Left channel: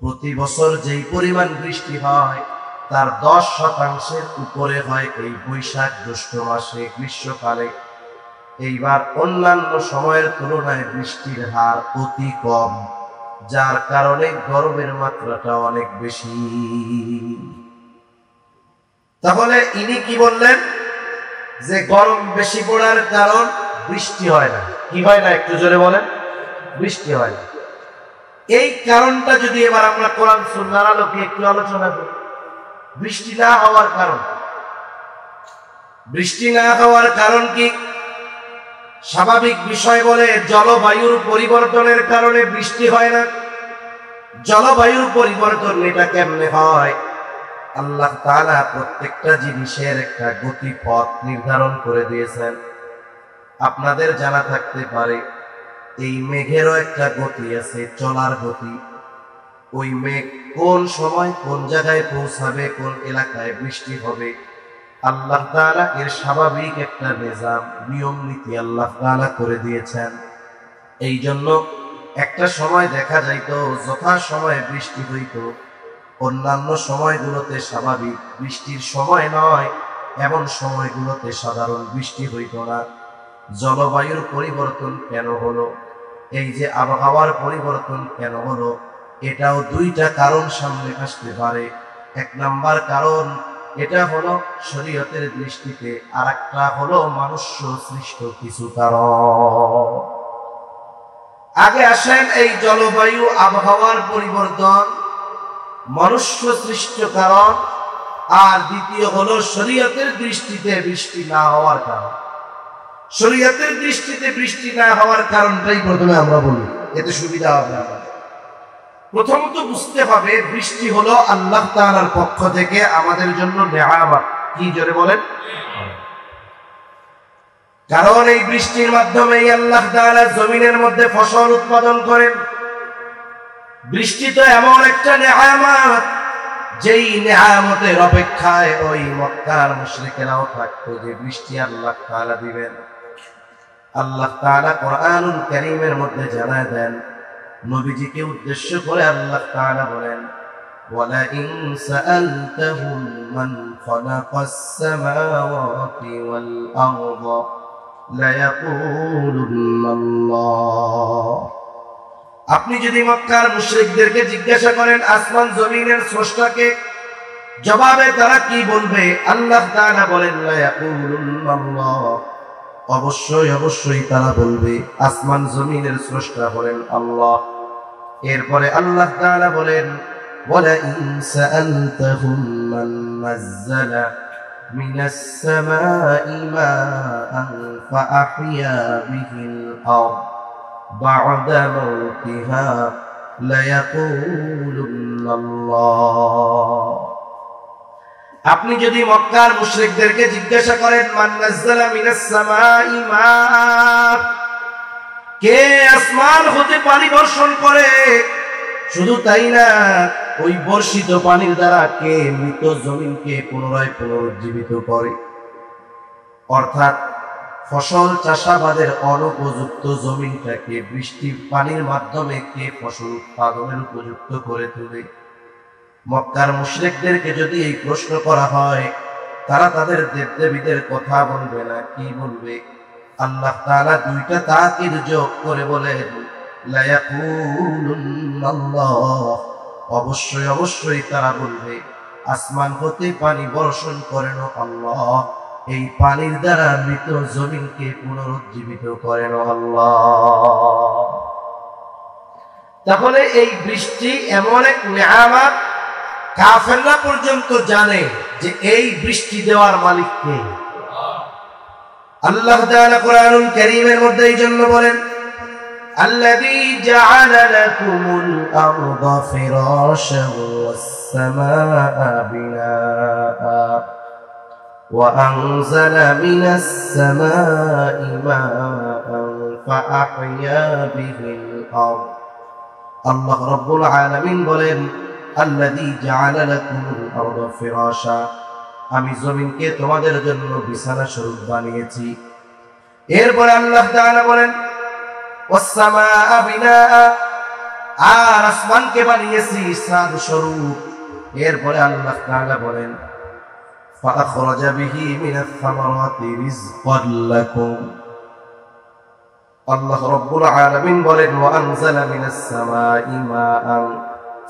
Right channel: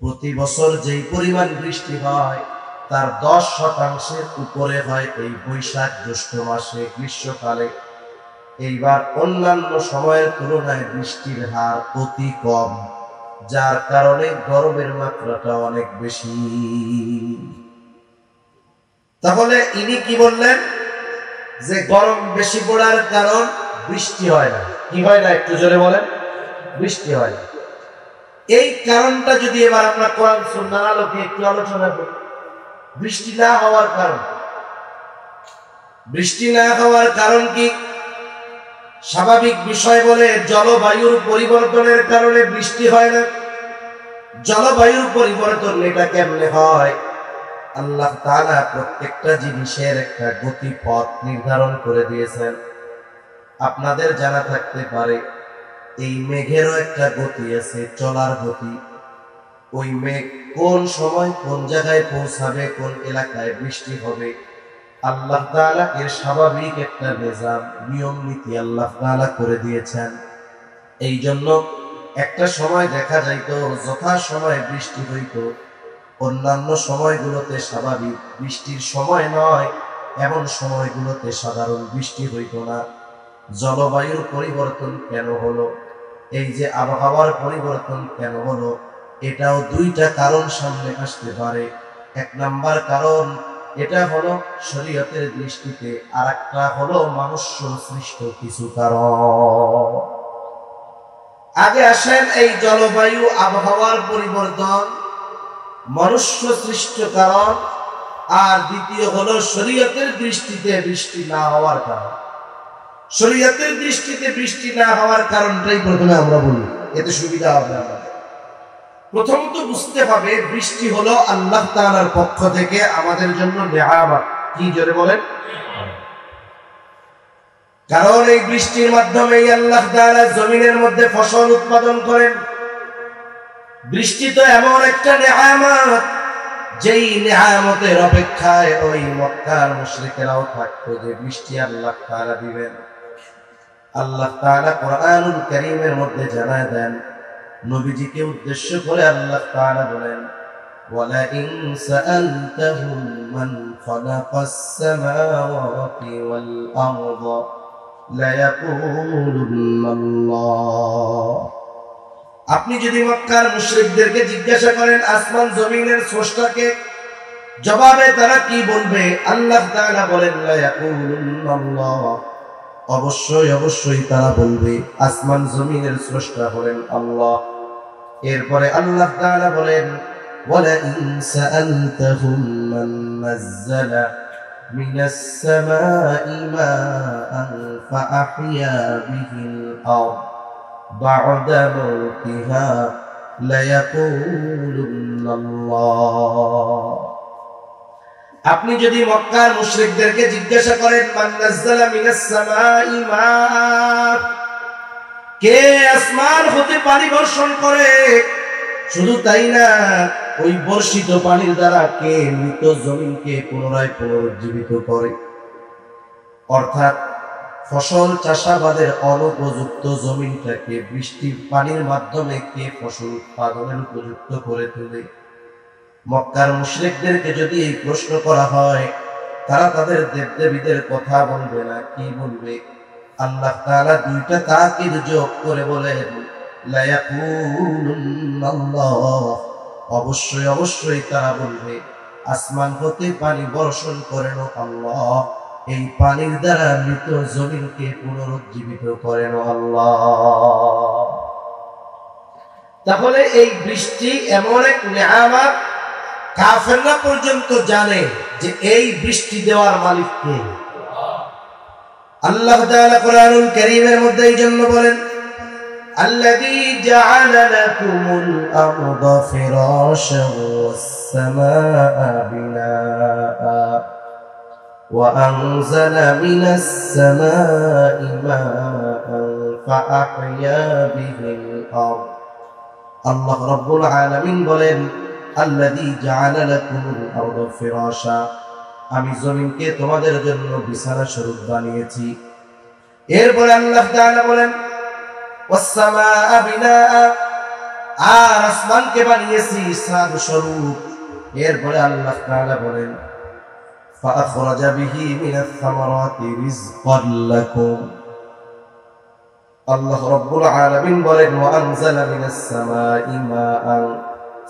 প্রতি বছর যেই পরিমাণ বৃষ্টি হয় তার 10% উপরে হয় এই বৈশাখ জ্যৈষ্ঠ মাসে গ্রীষ্মকালে। এইবার অন্যান্য সময়ের তুলনায় বৃষ্টির হার অতি কম, যার কারণে গরমের মাত্রাটা অনেক বেশি। তাহলে ইনি কি বললেন যে গরম বেশি পড়ার কারণ বৃষ্টি হয় না। কি হয় না একটু জোরে বলেন? বৃষ্টি হয় না। এই কারণটা যদি এবার আমরা কোরআন সুন্নাহর আলোকে একটু আলোচনা করি, বৃষ্টি না হওয়ার কারণ, বৃষ্টি না হওয়ার কারণ কি? স্বাভাবিক বিষয় বলে জলবায়ুর পরিবর্তনের কারণে বৃষ্টি হয় না। জলবায়ুর পরিবর্তন এটা কেমনে হয়? আল্লাহ তাআলা প্রত্যেকটা জিনিসের একটা গতিপথ নির্ধারণ করে দিয়েছেন। আপনাদের জানা থাকতে পারে এই মেঘেরও একটা গতি আছে, চলার গতি। ওই মেঘ কোন সময় কোন জায়গায় পৌঁছাবে, কোন এলাকায় বৃষ্টি হবে, আল্লাহ তাআলা এর স্বাভাবিক একটা নিজাম, নিয়ম নীতি আল্লাহ তাআলা করে দিয়েছেন। এই জন্য একটা সময় দেখা যাইতো যথা সময় বৃষ্টি হইতো, অন্যান্য সময়গুলোতে স্বাভাবিক বৃষ্টির সময় নয় এমন সময়গুলোতে সাধারণ বৃষ্টি হইতো না। জলবায়ুর পরিবর্তন কেন হলো? এই যে আবহাওয়ার পরিবর্তন কেন হলো? এটাও দুইটা কারণ সামনে আসতে পারে। এক নাম্বার কারণ এটা হলো শরীয়তের দৃষ্টিতে, আর একটা হলো মনুষ্য সৃষ্ট কিছু কারণ। আগে আসেন এই জলবায়ু আবহাওয়ার পরিবর্তন মনুষ্য সৃষ্ট কারণ, আর দ্বিতীয় হলো শরীয়তের দৃষ্টিতে বৃষ্টি না হওয়ার কারণ। শরীয়তের দৃষ্টিতে বৃষ্টি না হওয়ার কারণটাই প্রথমে আমরা বলি, এতে সুবিধা হবে। প্রথমত বুঝতে হবে বৃষ্টি হলো আল্লাহ তাআলার পক্ষ থেকে আমাদের জন্য নিয়ামত। কি জোরে বলেন? কারণ এই বৃষ্টির মাধ্যমে আল্লাহ তাআলা জমিনের মধ্যে ফসল উৎপাদন করেন। বৃষ্টি তো এমন একটা নিয়ামত, যেই নিয়ামতের অপেক্ষায় ওই মক্কার মুশরিকেরাও থাকতো যে বৃষ্টি আল্লাহ তাআলা দিবেন। আল্লাহ তাআলা কোরআনুল কারীমের মধ্যে জানায় দেন, নবীজিকে উদ্দেশ্য করে আল্লাহ তাআলা বলেন, ওয়ালা ইন সাআলতাহুম মান খালাকাস সামাওয়াতি ওয়াল আরদা লায়াকুলুন্নাল্লাহ। আপনি যদি মক্কার মুশরিকদেরকে জিজ্ঞাসা করেন আসমান জমিনের স্রষ্টাকে, জবাবে তারা কি বলবে? আল্লাহ তাআলা বলেন লায়াকুলুন্নাল্লাহ, অবশ্যই অবশ্যই তারা বলবে আসমান জমিনের স্রষ্টা হলেন আল্লাহ। এরপরে আল্লাহ তাআলা বলেন, ওয়ালা ইন সাআলতাহুম মান নাযালা মিনাস সামাই মাআন ফাআহইয়া বিহিল আরদ বা'দা মাউতিহা লায়াকুলুন্নাল্লাহ। আপনি যদি মক্কার মুশরিকদেরকে জিজ্ঞাসা করেন মান নাযালা মিনাস সামাই মা, কে আসমান হতে পানি বর্ষণ করে, শুধু তাই না ওই বর্ষিত পানির দ্বারা কে মৃত জমিনকে পুনরায় পুনরুজ্জীবিত করে। অর্থাৎ ফসল চাষাবাদের অনুপযুক্ত জমিনটাকে বৃষ্টির পানির মাধ্যমে কে ফসল উৎপাদনের উপযুক্ত করে তোলে। মক্কার মুশরিকদেরকে যদি এই প্রশ্ন করা হয়, তারা তাদের দেবদেবীদের কথা বলবে না, কি বলবে? আল্লাহ তাআলা দুইটা তাকিদ যোগ করে বলেন লায়াকুলুন্নাল্লাহ, অবশ্যই অবশ্যই তারা বলবে আসমান হতে পানি বর্ষণ করেন আল্লাহ, এই পানির দ্বারা মৃত জমিনকে পুনরুজ্জীবিত করেন আল্লাহ। তাহলে এই বৃষ্টি এমন এক নিয়ামত, কাফেররা পর্যন্ত জানে যে এই বৃষ্টি দেওয়ার মালিক কে। আল্লাহ তাআলা কোরআনুল কারীমের মধ্যে এই জন্য বলেন, আল্লাযী জাআলা লাকুমুল আরদা ফিরাশান ওয়াস সামাআ বিনাআ ওয়া আনজালা মিনাস সামাই মাআন ফাআহইয়া বিহিল আরদ। আল্লাহ রাব্বুল আলামিন বলেন, আল্লাযী জাআলা লাকুমুল আরদা ফিরাশা, আমি জমিনকে তোমাদের জন্য বিছানা স্বরূপ বানিয়েছি। এরপর আল্লাহ তাআলা বলেন ওয়াস সামাআ বিনাআ, আর আসমানকে বানিয়েছি ইসরাদ স্বরূপ। এরপরে আল্লাহ তাআলা বলেন فأخرج به من الثمرات رزقا لكم। আল্লাহ রাব্বুল আলামিন বলেন وأنزل من السماء ماء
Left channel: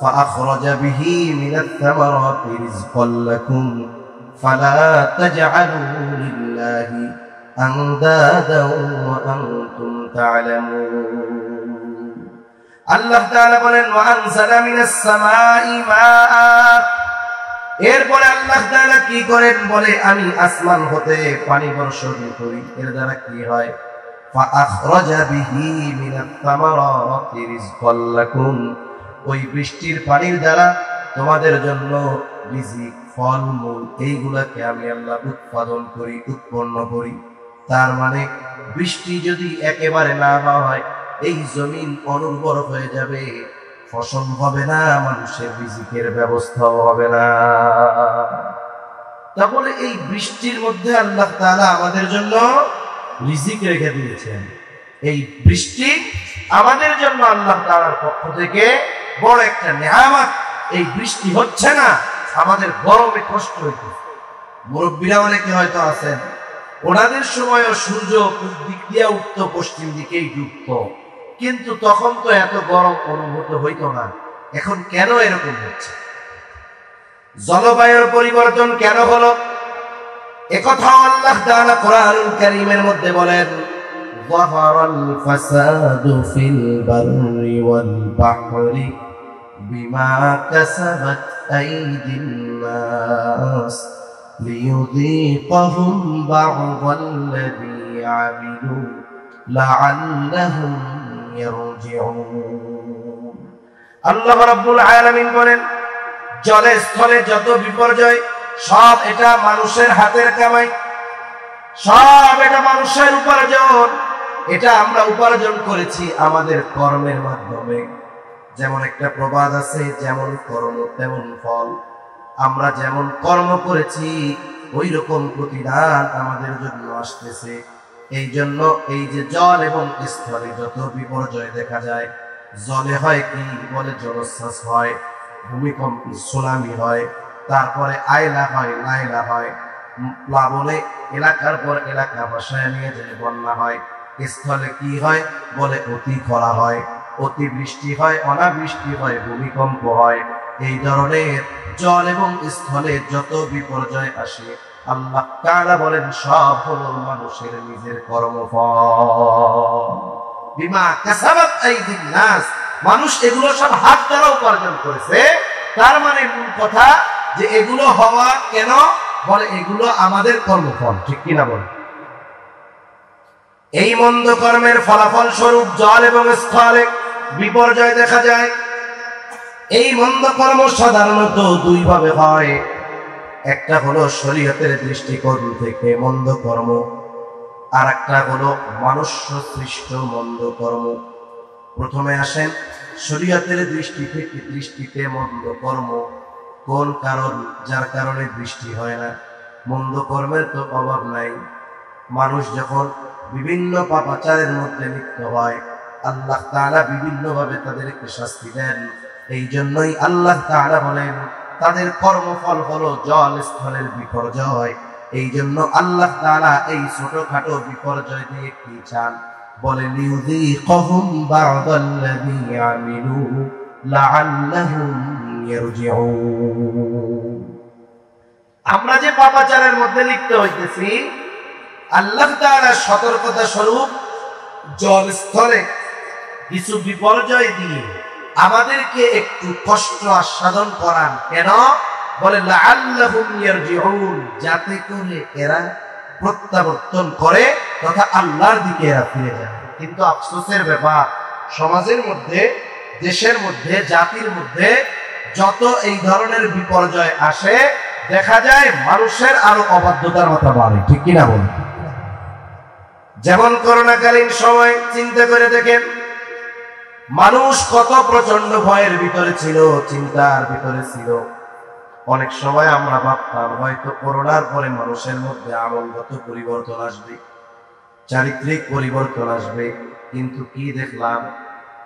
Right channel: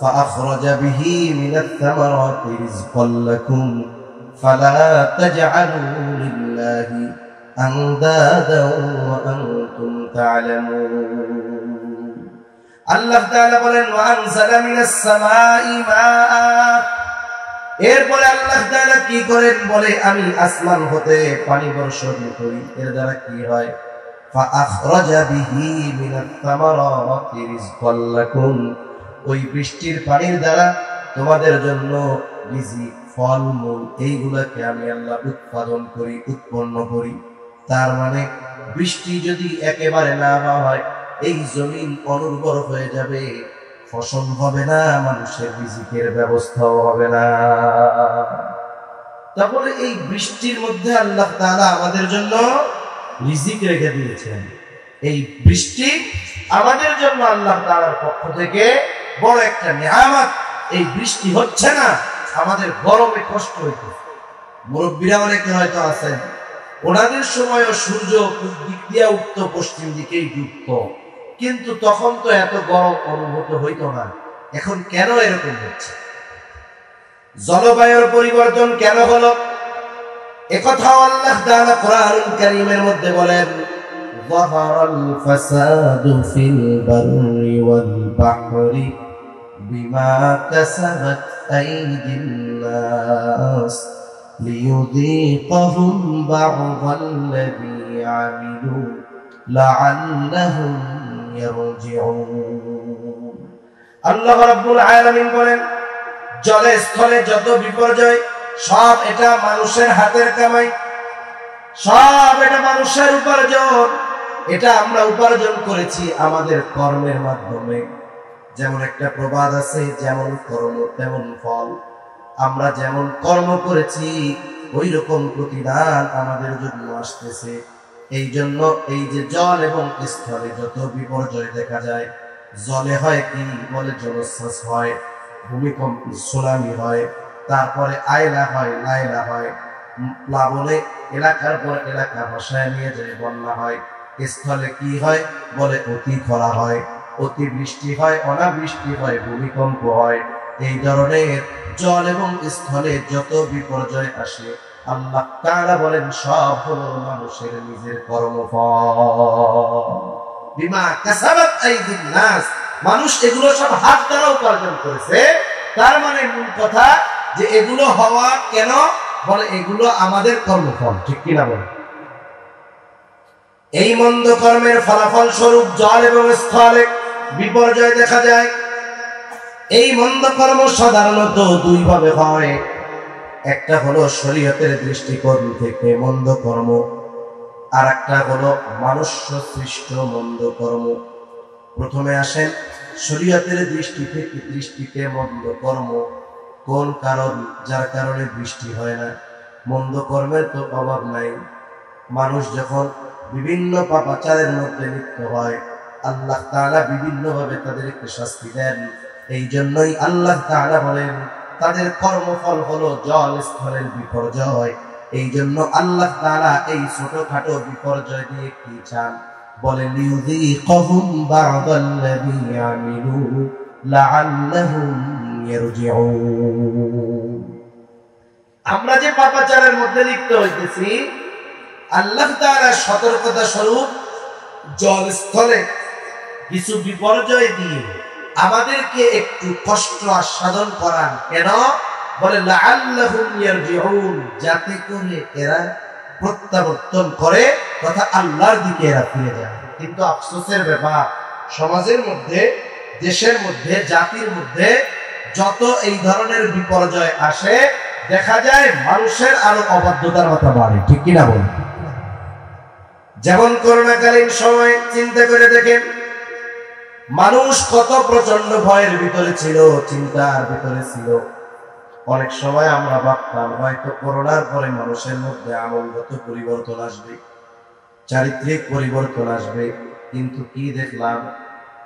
فأخرج به من الثمرات رزقا لكم فلا تجعلوا لله أندادا وأنتم تعلمون। আল্লাহ তাআলা বলেন وأنزل من السماء ماء। এরপরে আল্লাহ তাআলা কি করেন বলে আমি আসমান হতে পানি বর্ষণ করি। এর দ্বারা কি হয় فأخرج به من الثمرات رزقا لكم। ওই বৃষ্টির পানির দ্বারা তোমাদের জন্য রিজিক ফলমূল এইগুলোকে আমি আল্লাহ উৎপাদন করি, উৎপন্ন করি। তার মানে বৃষ্টি যদি একেবারে না হয় এই জমিন অনুর্বর হয়ে যাবে, ফসল হবে না, মানুষের রিজিকের ব্যবস্থাও হবে না। তারপরে এই বৃষ্টির মধ্যে আল্লাহ তাআলা আমাদের জন্য রিজিক রেখে দিয়েছেন। এই বৃষ্টি আমাদের জন্য আল্লাহ তাআলার পক্ষ থেকে বড় একটা নিয়ামত। এই বৃষ্টি হচ্ছে না, আমাদের গরমে কষ্ট হইতে। মুরব্বীরা অনেকে হয়তো আছেন, ওনাদের সময়ও সূর্য দিক দিয়ে উঠতো, পশ্চিম দিকেই ডুবতো, কিন্তু তখন তো এত গরম অনুভূত হইতো না। এখন কেন এরকম হচ্ছে? জলবায়ুর পরিবর্তন কেন হলো? একথাও আল্লাহ তাআলা কোরআনুল কারীমের মধ্যে বলেন যাহারাল ফাসাদু ফিল বাররি ওয়াল বাহরি বিমা কাসাবাত আইদিন নাস লিয়ুযীকাহুম বা'দাল্লাযী আমিলু লাআল্লাহুম ইয়ারজিউন। আল্লাহ রাব্বুল আলামিন বলেন জলে স্থলে যত বিপর্যয় সব এটা মানুষের হাতের কামাই, সব এটা মানুষের উপার্জন। এটা আমরা উপার্জন করেছি আমাদের কর্মের মাধ্যমে। যেমন একটা প্রবাদ আছে, যেমন কর্ম তেমন ফল। আমরা যেমন কর্ম করেছি ওই রকম প্রতিদান আমাদের জন্য আসতেছে। এই জন্য এই যে জল এবং স্থলে যত বিপর্যয় দেখা যায়, জলে হয় কি বলে জলোচ্ছ্বাস হয়, ভূমিকম্প সুনামি হয়, তারপরে আয়লা হয়, নাইলা হয়, প্লাবনে এলাকার পর এলাকা ভাসায় নিয়ে যায়, বন্যা হয়। স্থলে কি হয় বলে অতি খরা হয়, অতি বৃষ্টি হয়, অনাবৃষ্টি হয়, ভূমিকম্প হয়। এই ধরনের জল এবং স্থলে যত বিপর্যয় আসে আল্লাহ তাআলা বলেন সব হলো মানুষের নিজের কর্মফল। বিমা কাসাবাত আইদিন নাস, মানুষ এগুলো সব হাত দ্বারা উপার্জন করেছে। তার মানে মূল কথা যে এগুলো হওয়া কেন বলে এগুলো আমাদের কর্মফল, ঠিক কিনা বলে? এই মন্দ কর্মের ফলাফল স্বরূপ জল এবং স্থলে বিপর্যয় দেখা যায়। এই মন্দ কর্ম সাধারণত দুই ভাবে হয়। একটা হলো শরীয়তের দৃষ্টিকোণ থেকে মন্দ কর্ম, আর একটা হলো মানুষ সৃষ্ট মন্দ কর্ম। প্রথমে আসেন শরীয়তের দৃষ্টিতে মন্দ কর্ম কোন কারণ, যার কারণে বৃষ্টি হয় না। মন্দ কর্মের তো অভাব নাই। মানুষ যখন বিভিন্ন পাপাচারের মধ্যে লিপ্ত হয় আল্লাহ তাআলা বিভিন্ন ভাবে তাদেরকে শাস্তি দেন। এই জন্যই আল্লাহ তাআলা বলেন তাদের কর্মফল হলো জল স্থলের বিপর্যয়। এই জন্য আল্লাহ তাআলা এই ছোটখাটো বিপর্যয় দিয়ে কি চান বলে লিয়ুযীকাহুম বা'দাল্লাযী আমিলু লাআল্লাহুম ইয়ারজিউন। আমরা যে পাপাচারের মধ্যে লিপ্ত হইতেছি আল্লাহ তাআলা সতর্কতা স্বরূপ জল স্থলে কিছু বিপর্যয় দিয়ে আমাদেরকে একটু কষ্ট আস্বাদন করান। কেন বলে লাআল্লাহুম ইয়ারজিউন, যাতে করে এরা প্রত্যাবর্তন করে তথা আল্লাহর দিকে এরা ফিরে যায়। কিন্তু আফসোসের ব্যাপার, সমাজের মধ্যে, দেশের মধ্যে, জাতির মধ্যে যত এই ধরনের বিপর্যয় আসে দেখা যায় মানুষের আরো অবাধ্যতার মাত্রা বাড়ে, ঠিক কিনা বলেন? যেমন করোনাকালীন সময় চিন্তা করে দেখেন মানুষ কত প্রচন্ড ভয়ের ভিতরে ছিল, চিন্তার ভিতরে ছিল। অনেক সময় আমরা ভাবতাম হয়তো করোনার পরে মানুষের মধ্যে আমলগত পরিবর্তন আসবে, চারিত্রিক পরিবর্তন আসবে, কিন্তু কি দেখলাম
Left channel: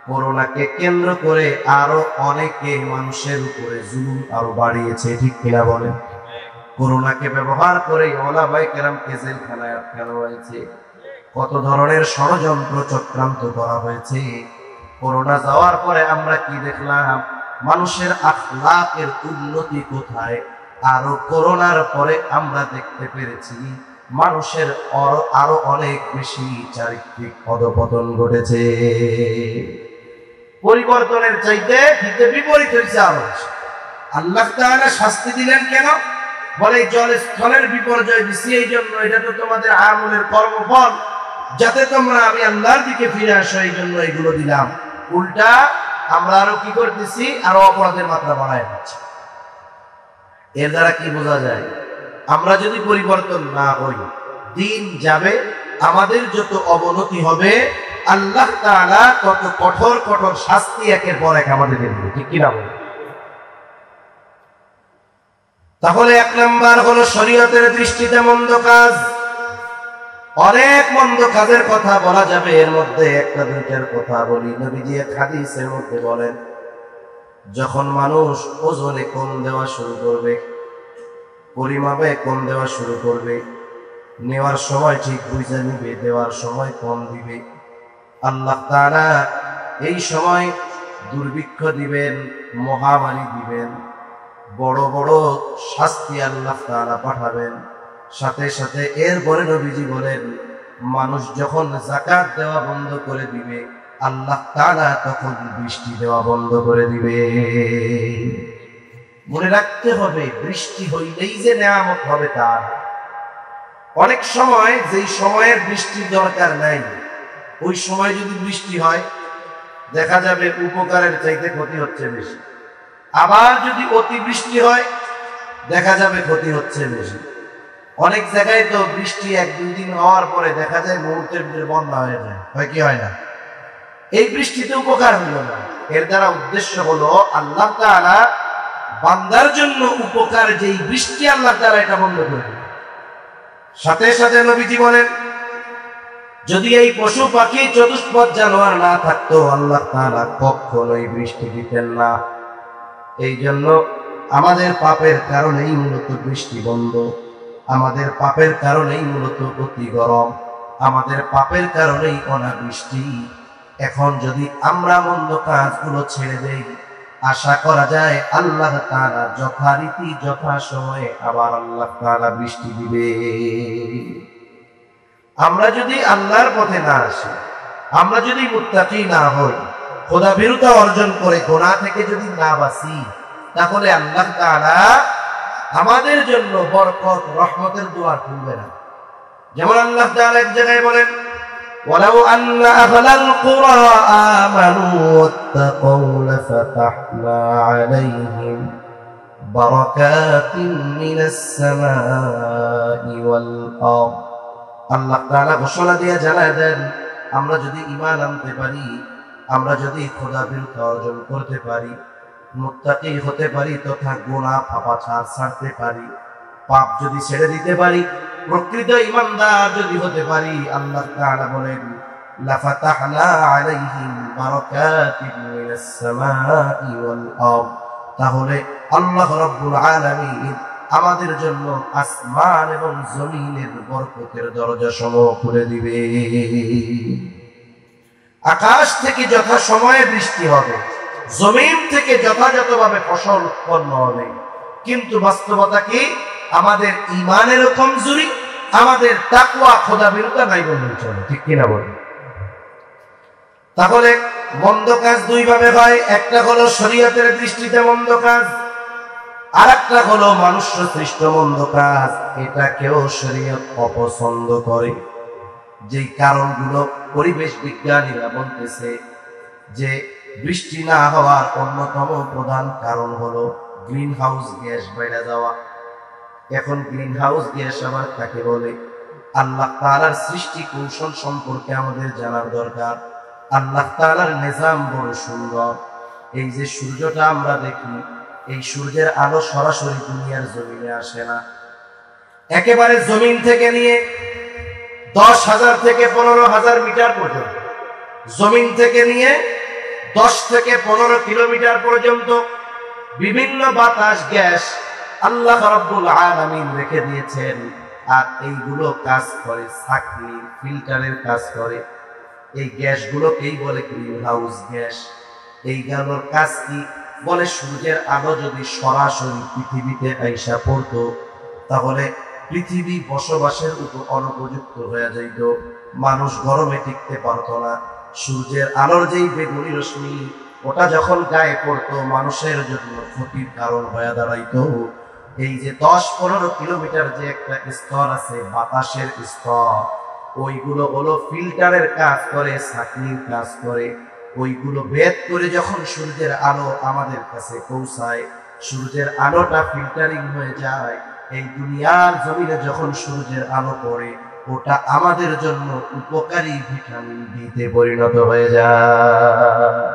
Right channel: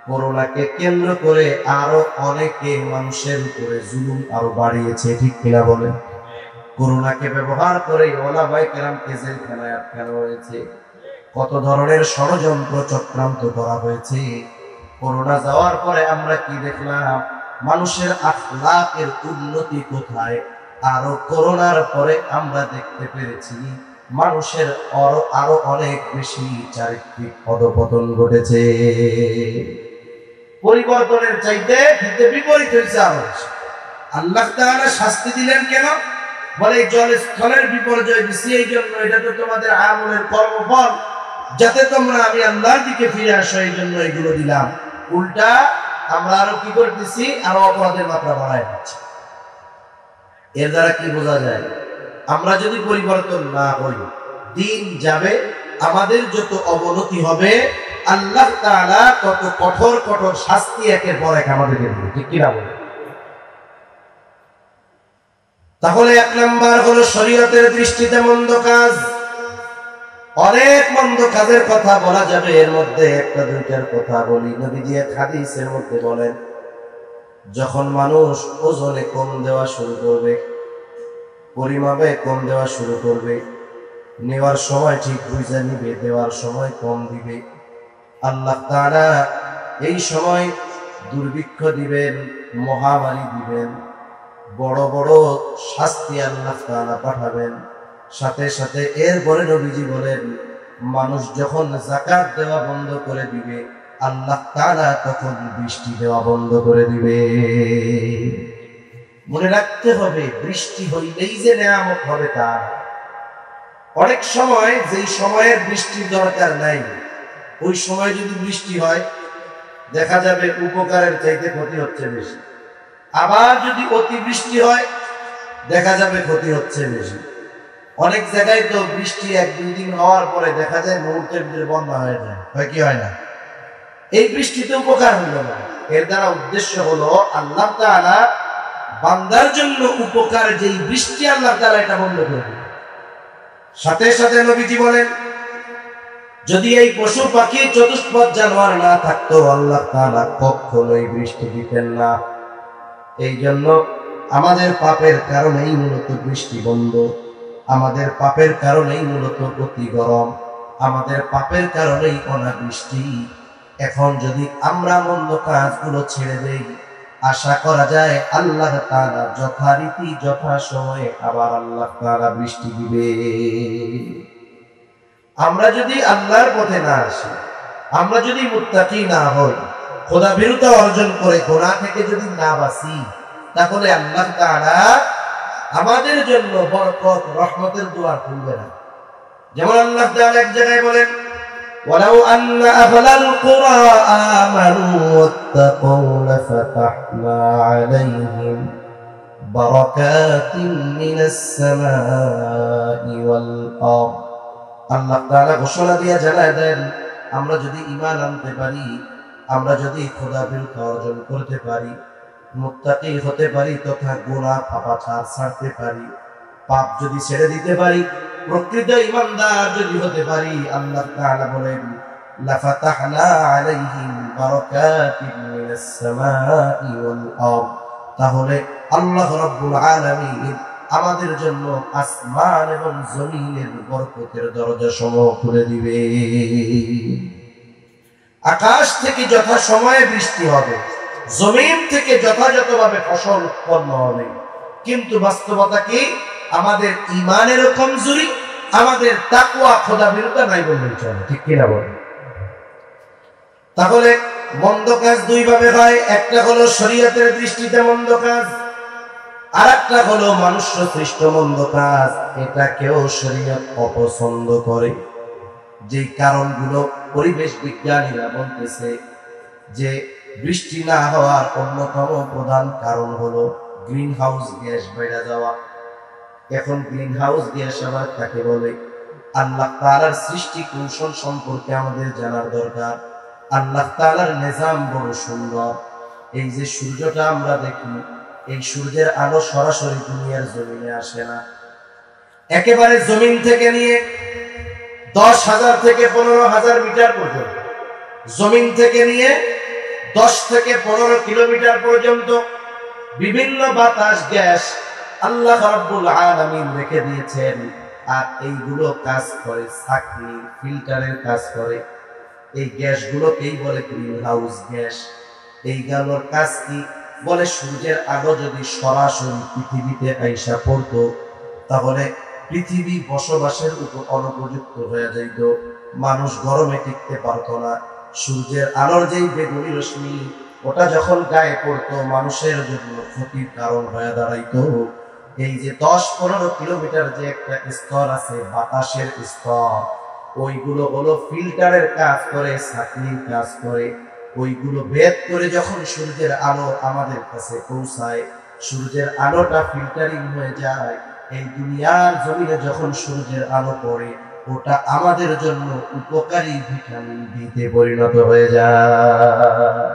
করোনাকে কেন্দ্র করে আরো অনেকে মানুষের উপরে জুলুম আরো বাড়িয়েছে, ঠিক কিনা বলেন? করোনাকে ব্যবহার করে ওলামায়ে কেরামকে জেলখানায় আটকানো হয়েছে, কত ধরনের ষড়যন্ত্র চক্রান্ত করা হয়েছে। করোনা যাওয়ার পরে আমরা কি দেখলাম? মানুষের আখলাকের উন্নতি কোথায়? আরো করোনার পরে আমরা দেখতে পেরেছি মানুষের আরো অনেক বেশি চারিত্রিক অধঃপতন ঘটেছে। পরিবর্তনের চাইতে বিপরীত হয়েছে। আল্লাহ তাআলা শাস্তি দিলেন কেন? বলে জলস্থলের বিপর্যয় দিছি এই জন্য, এটা তো তোমাদের আমলের কর্মফল, যাতে তোমরা আমি আল্লাহর দিকে ফিরে আসো, এই জন্য এগুলো দিলাম। উল্টা আমরা আরো কি করতেছি? আরো অপরাধের মাত্রা বাড়ায় দিচ্ছি। এর দ্বারা কি বোঝা যায়? আমরা যদি পরিবর্তন না হই, দিন যাবে, আমাদের যত অবনতি হবে, আল্লাহ তাআলা তত কঠোর কঠোর শাস্তি একের পর এক আমাদের দেবে, ঠিক কিনা? তাহলে এক নাম্বার হলো শরীয়তের দৃষ্টিতে মন্দ কাজ। অনেক মন্দ কাজের কথা বলা যাবে, এর মধ্যে একটা দুইটার কথা বলি। নবীজি হাদিসের মধ্যে বলেন, যখন মানুষ ওজনে কম দেওয়া শুরু করবে, পরিমাপে কম দেওয়া শুরু করবে, নেওয়ার সময় ঠিক বুঝে নিবে, দেওয়ার সময় কম দিবে, আল্লাহ তাআলা এই সময় দুর্ভিক্ষ দিবেন, মহামারী দিবেন, বড় বড় শাস্তি আল্লাহ তাআলা পাঠাবেন। সাথে সাথে এরপরে নবীজি বলেন, মানুষ যখন যাকাত দেওয়া বন্ধ করে দিবে, আল্লাহ তাআলা তখন বৃষ্টি দেওয়া বন্ধ করে দিবে। মনে রাখতে হবে, বৃষ্টি হইলেই যে নিয়ামত হবে তা। অনেক সময় যেই সময়ের বৃষ্টির দরকার নাই, ওই সময় যদি বৃষ্টি হয়, দেখা যাবে উপকারের চাইতে ক্ষতি হচ্ছে বেশি। আবার যদি অতিবৃষ্টি হয়, দেখা যাবে ক্ষতি হচ্ছে বেশি। অনেক জায়গায় তো বৃষ্টি এক দুই দিন হওয়ার পরে দেখা যায় মুহূর্তের ভিতরে বন্যা হয়ে যায়, হয় কি হয় না? এই বৃষ্টিতে উপকার হলো না। এর দ্বারা উদ্দেশ্য হলো আল্লাহ তাআলা বান্দার জন্য উপকার, যেই বৃষ্টি আল্লাহ তাআলা এটা বন্ধ করবে। সাথে সাথে নবীজি বলেন, যদি এই পশু পাখি চতুষ্পদ জানোয়ার না থাকতো, আল্লাহ তাআলা কখনোই বৃষ্টি দিতেন না। এই জন্য আমাদের পাপের কারণেই মূলত বৃষ্টি বন্ধ, আমাদের পাপের কারণেই মূলত অতি গরম, আমাদের পাপের কারণেই অনাবৃষ্টি। এখন যদি আমরা মন্দ কাজগুলো ছেড়ে দেই, আশা করা যায় আল্লাহ তাআলা যথারীতি যথা সময়ে আবার আল্লাহ তাআলা বৃষ্টি দিবে। আমরা যদি আল্লাহর পথে না আসি, আমরা যদি মুত্তাকি না হই, খোদাভীরুতা অর্জন করে গুনাহ থেকে যদি না বাঁচি, তাহলে আল্লাহ তাআলা আমাদের জন্য বরকত রহমতের দুয়ার খুলবে না। যেমন আল্লাহ তাআলা এক জায়গায় বলেন, ওয়ালাউ আন্না আহলাল কুরা আমানু ওয়াত্তাকু লাফাতাহনা আলাইহিম বারাকাতিন মিনাস সামাই ওয়াল আরদ। আল্লাহ তাআলা ঘোষণা দিয়ে জানায় দেন, আমরা যদি ঈমান আনতে পারি, আমরা যদি খোদাভীরুতা অর্জন করতে পারি, মুত্তাকি হতে পারি, তথা গুনাহ পাপাচার ছাড়তে পারি, পাপ যদি ছেড়ে দিতে পারি, প্রকৃত ঈমানদার যদি হতে পারি, আল্লাহ তাআলা বলেন, লাফাতাহনা আলাইহিম বারাকাতিন মিনাস সামাই ওয়াল আরদ। তাহলে আল্লাহ রাব্বুল আলামিন আমাদের জন্য আসমান এবং জমিনের বরকতের দরজা সমূহ খুলে দিবে। আকাশ থেকে যথা সময়ে বৃষ্টি হবে, জমিন থেকে যথাযথভাবে ফসল উৎপন্ন হবে। কিন্তু বাস্তবতা কি? আমাদের ঈমানের কমজোরি, আমাদের তাকওয়া খোদাভীরুতা নাই বললে চলে, ঠিক কিনা বলেন? তাহলে মন্দ কাজ দুই ভাবে হয়, একটা হলো শরীয়তের দৃষ্টিতে মন্দ কাজ, আর একটা হলো মানুষ সৃষ্ট মন্দ কাজ। এটাকেও শরীয়ত অপছন্দ করে। যে কারণগুলো পরিবেশ বিজ্ঞানীরা বলতেছে যে বৃষ্টি না হওয়ার অন্যতম প্রধান কারণ হলো গ্রিন হাউস গ্যাস বেড়ে যাওয়া। এখন গ্রিন হাউস গ্যাস আবার কাকে বলে? আল্লাহ তাআলার সৃষ্টি কৌশল সম্পর্কে আমাদের জানার দরকার। আল্লাহ তাআলার নিজাম বড় সুন্দর। এই যে সূর্যটা আমরা দেখি, এই সূর্যের আলো সরাসরি দুনিয়ার জমিনে আসে না, একেবারে জমিন থেকে নিয়ে 10,000 থেকে 15,000 মিটার পর্যন্ত, জমিন থেকে নিয়ে 10 থেকে 15 কিলোমিটার পর্যন্ত বিভিন্ন বাতাস গ্যাস আল্লাহ রাব্বুল আলামিন রেখে দিয়েছেন। আর এইগুলো কাজ করে ছাঁকনি ফিল্টারের কাজ করে। এই গ্যাসগুলোকেই বলে গ্রিন হাউস গ্যাস। এই গ্যাসের কাজ কি? বলে সূর্যের আলো যদি সরাসরি পৃথিবীতে আইসা পড়তো তাহলে পৃথিবী বসবাসের উপর অনুপযুক্ত হয়ে যাইত, মানুষ গরমে টিকতে পারতো না। সূর্যের আলোর যেই বেগুনি রশ্মি ওটা যখন গায়ে পড়তো মানুষের জন্য ক্ষতির কারণ হয়ে দাঁড়াইতো। এই যে 10-15 কিলোমিটার যে একটা স্তর আছে বাতাসের স্তর, ওইগুলো হলো ফিল্টারের কাজ করে, ছাঁকনির কাজ করে। ওইগুলো ভেদ করে যখন সূর্যের আলো আমাদের কাছে পৌঁছায়, সূর্যের আলোটা ফিল্টারিং হয়ে যায়। এই দুনিয়ার জমিনে যখন সূর্যের আলো পড়ে ওটা আমাদের জন্য উপকারী ভিটামিন ডিতে পরিণত হয়ে যায়।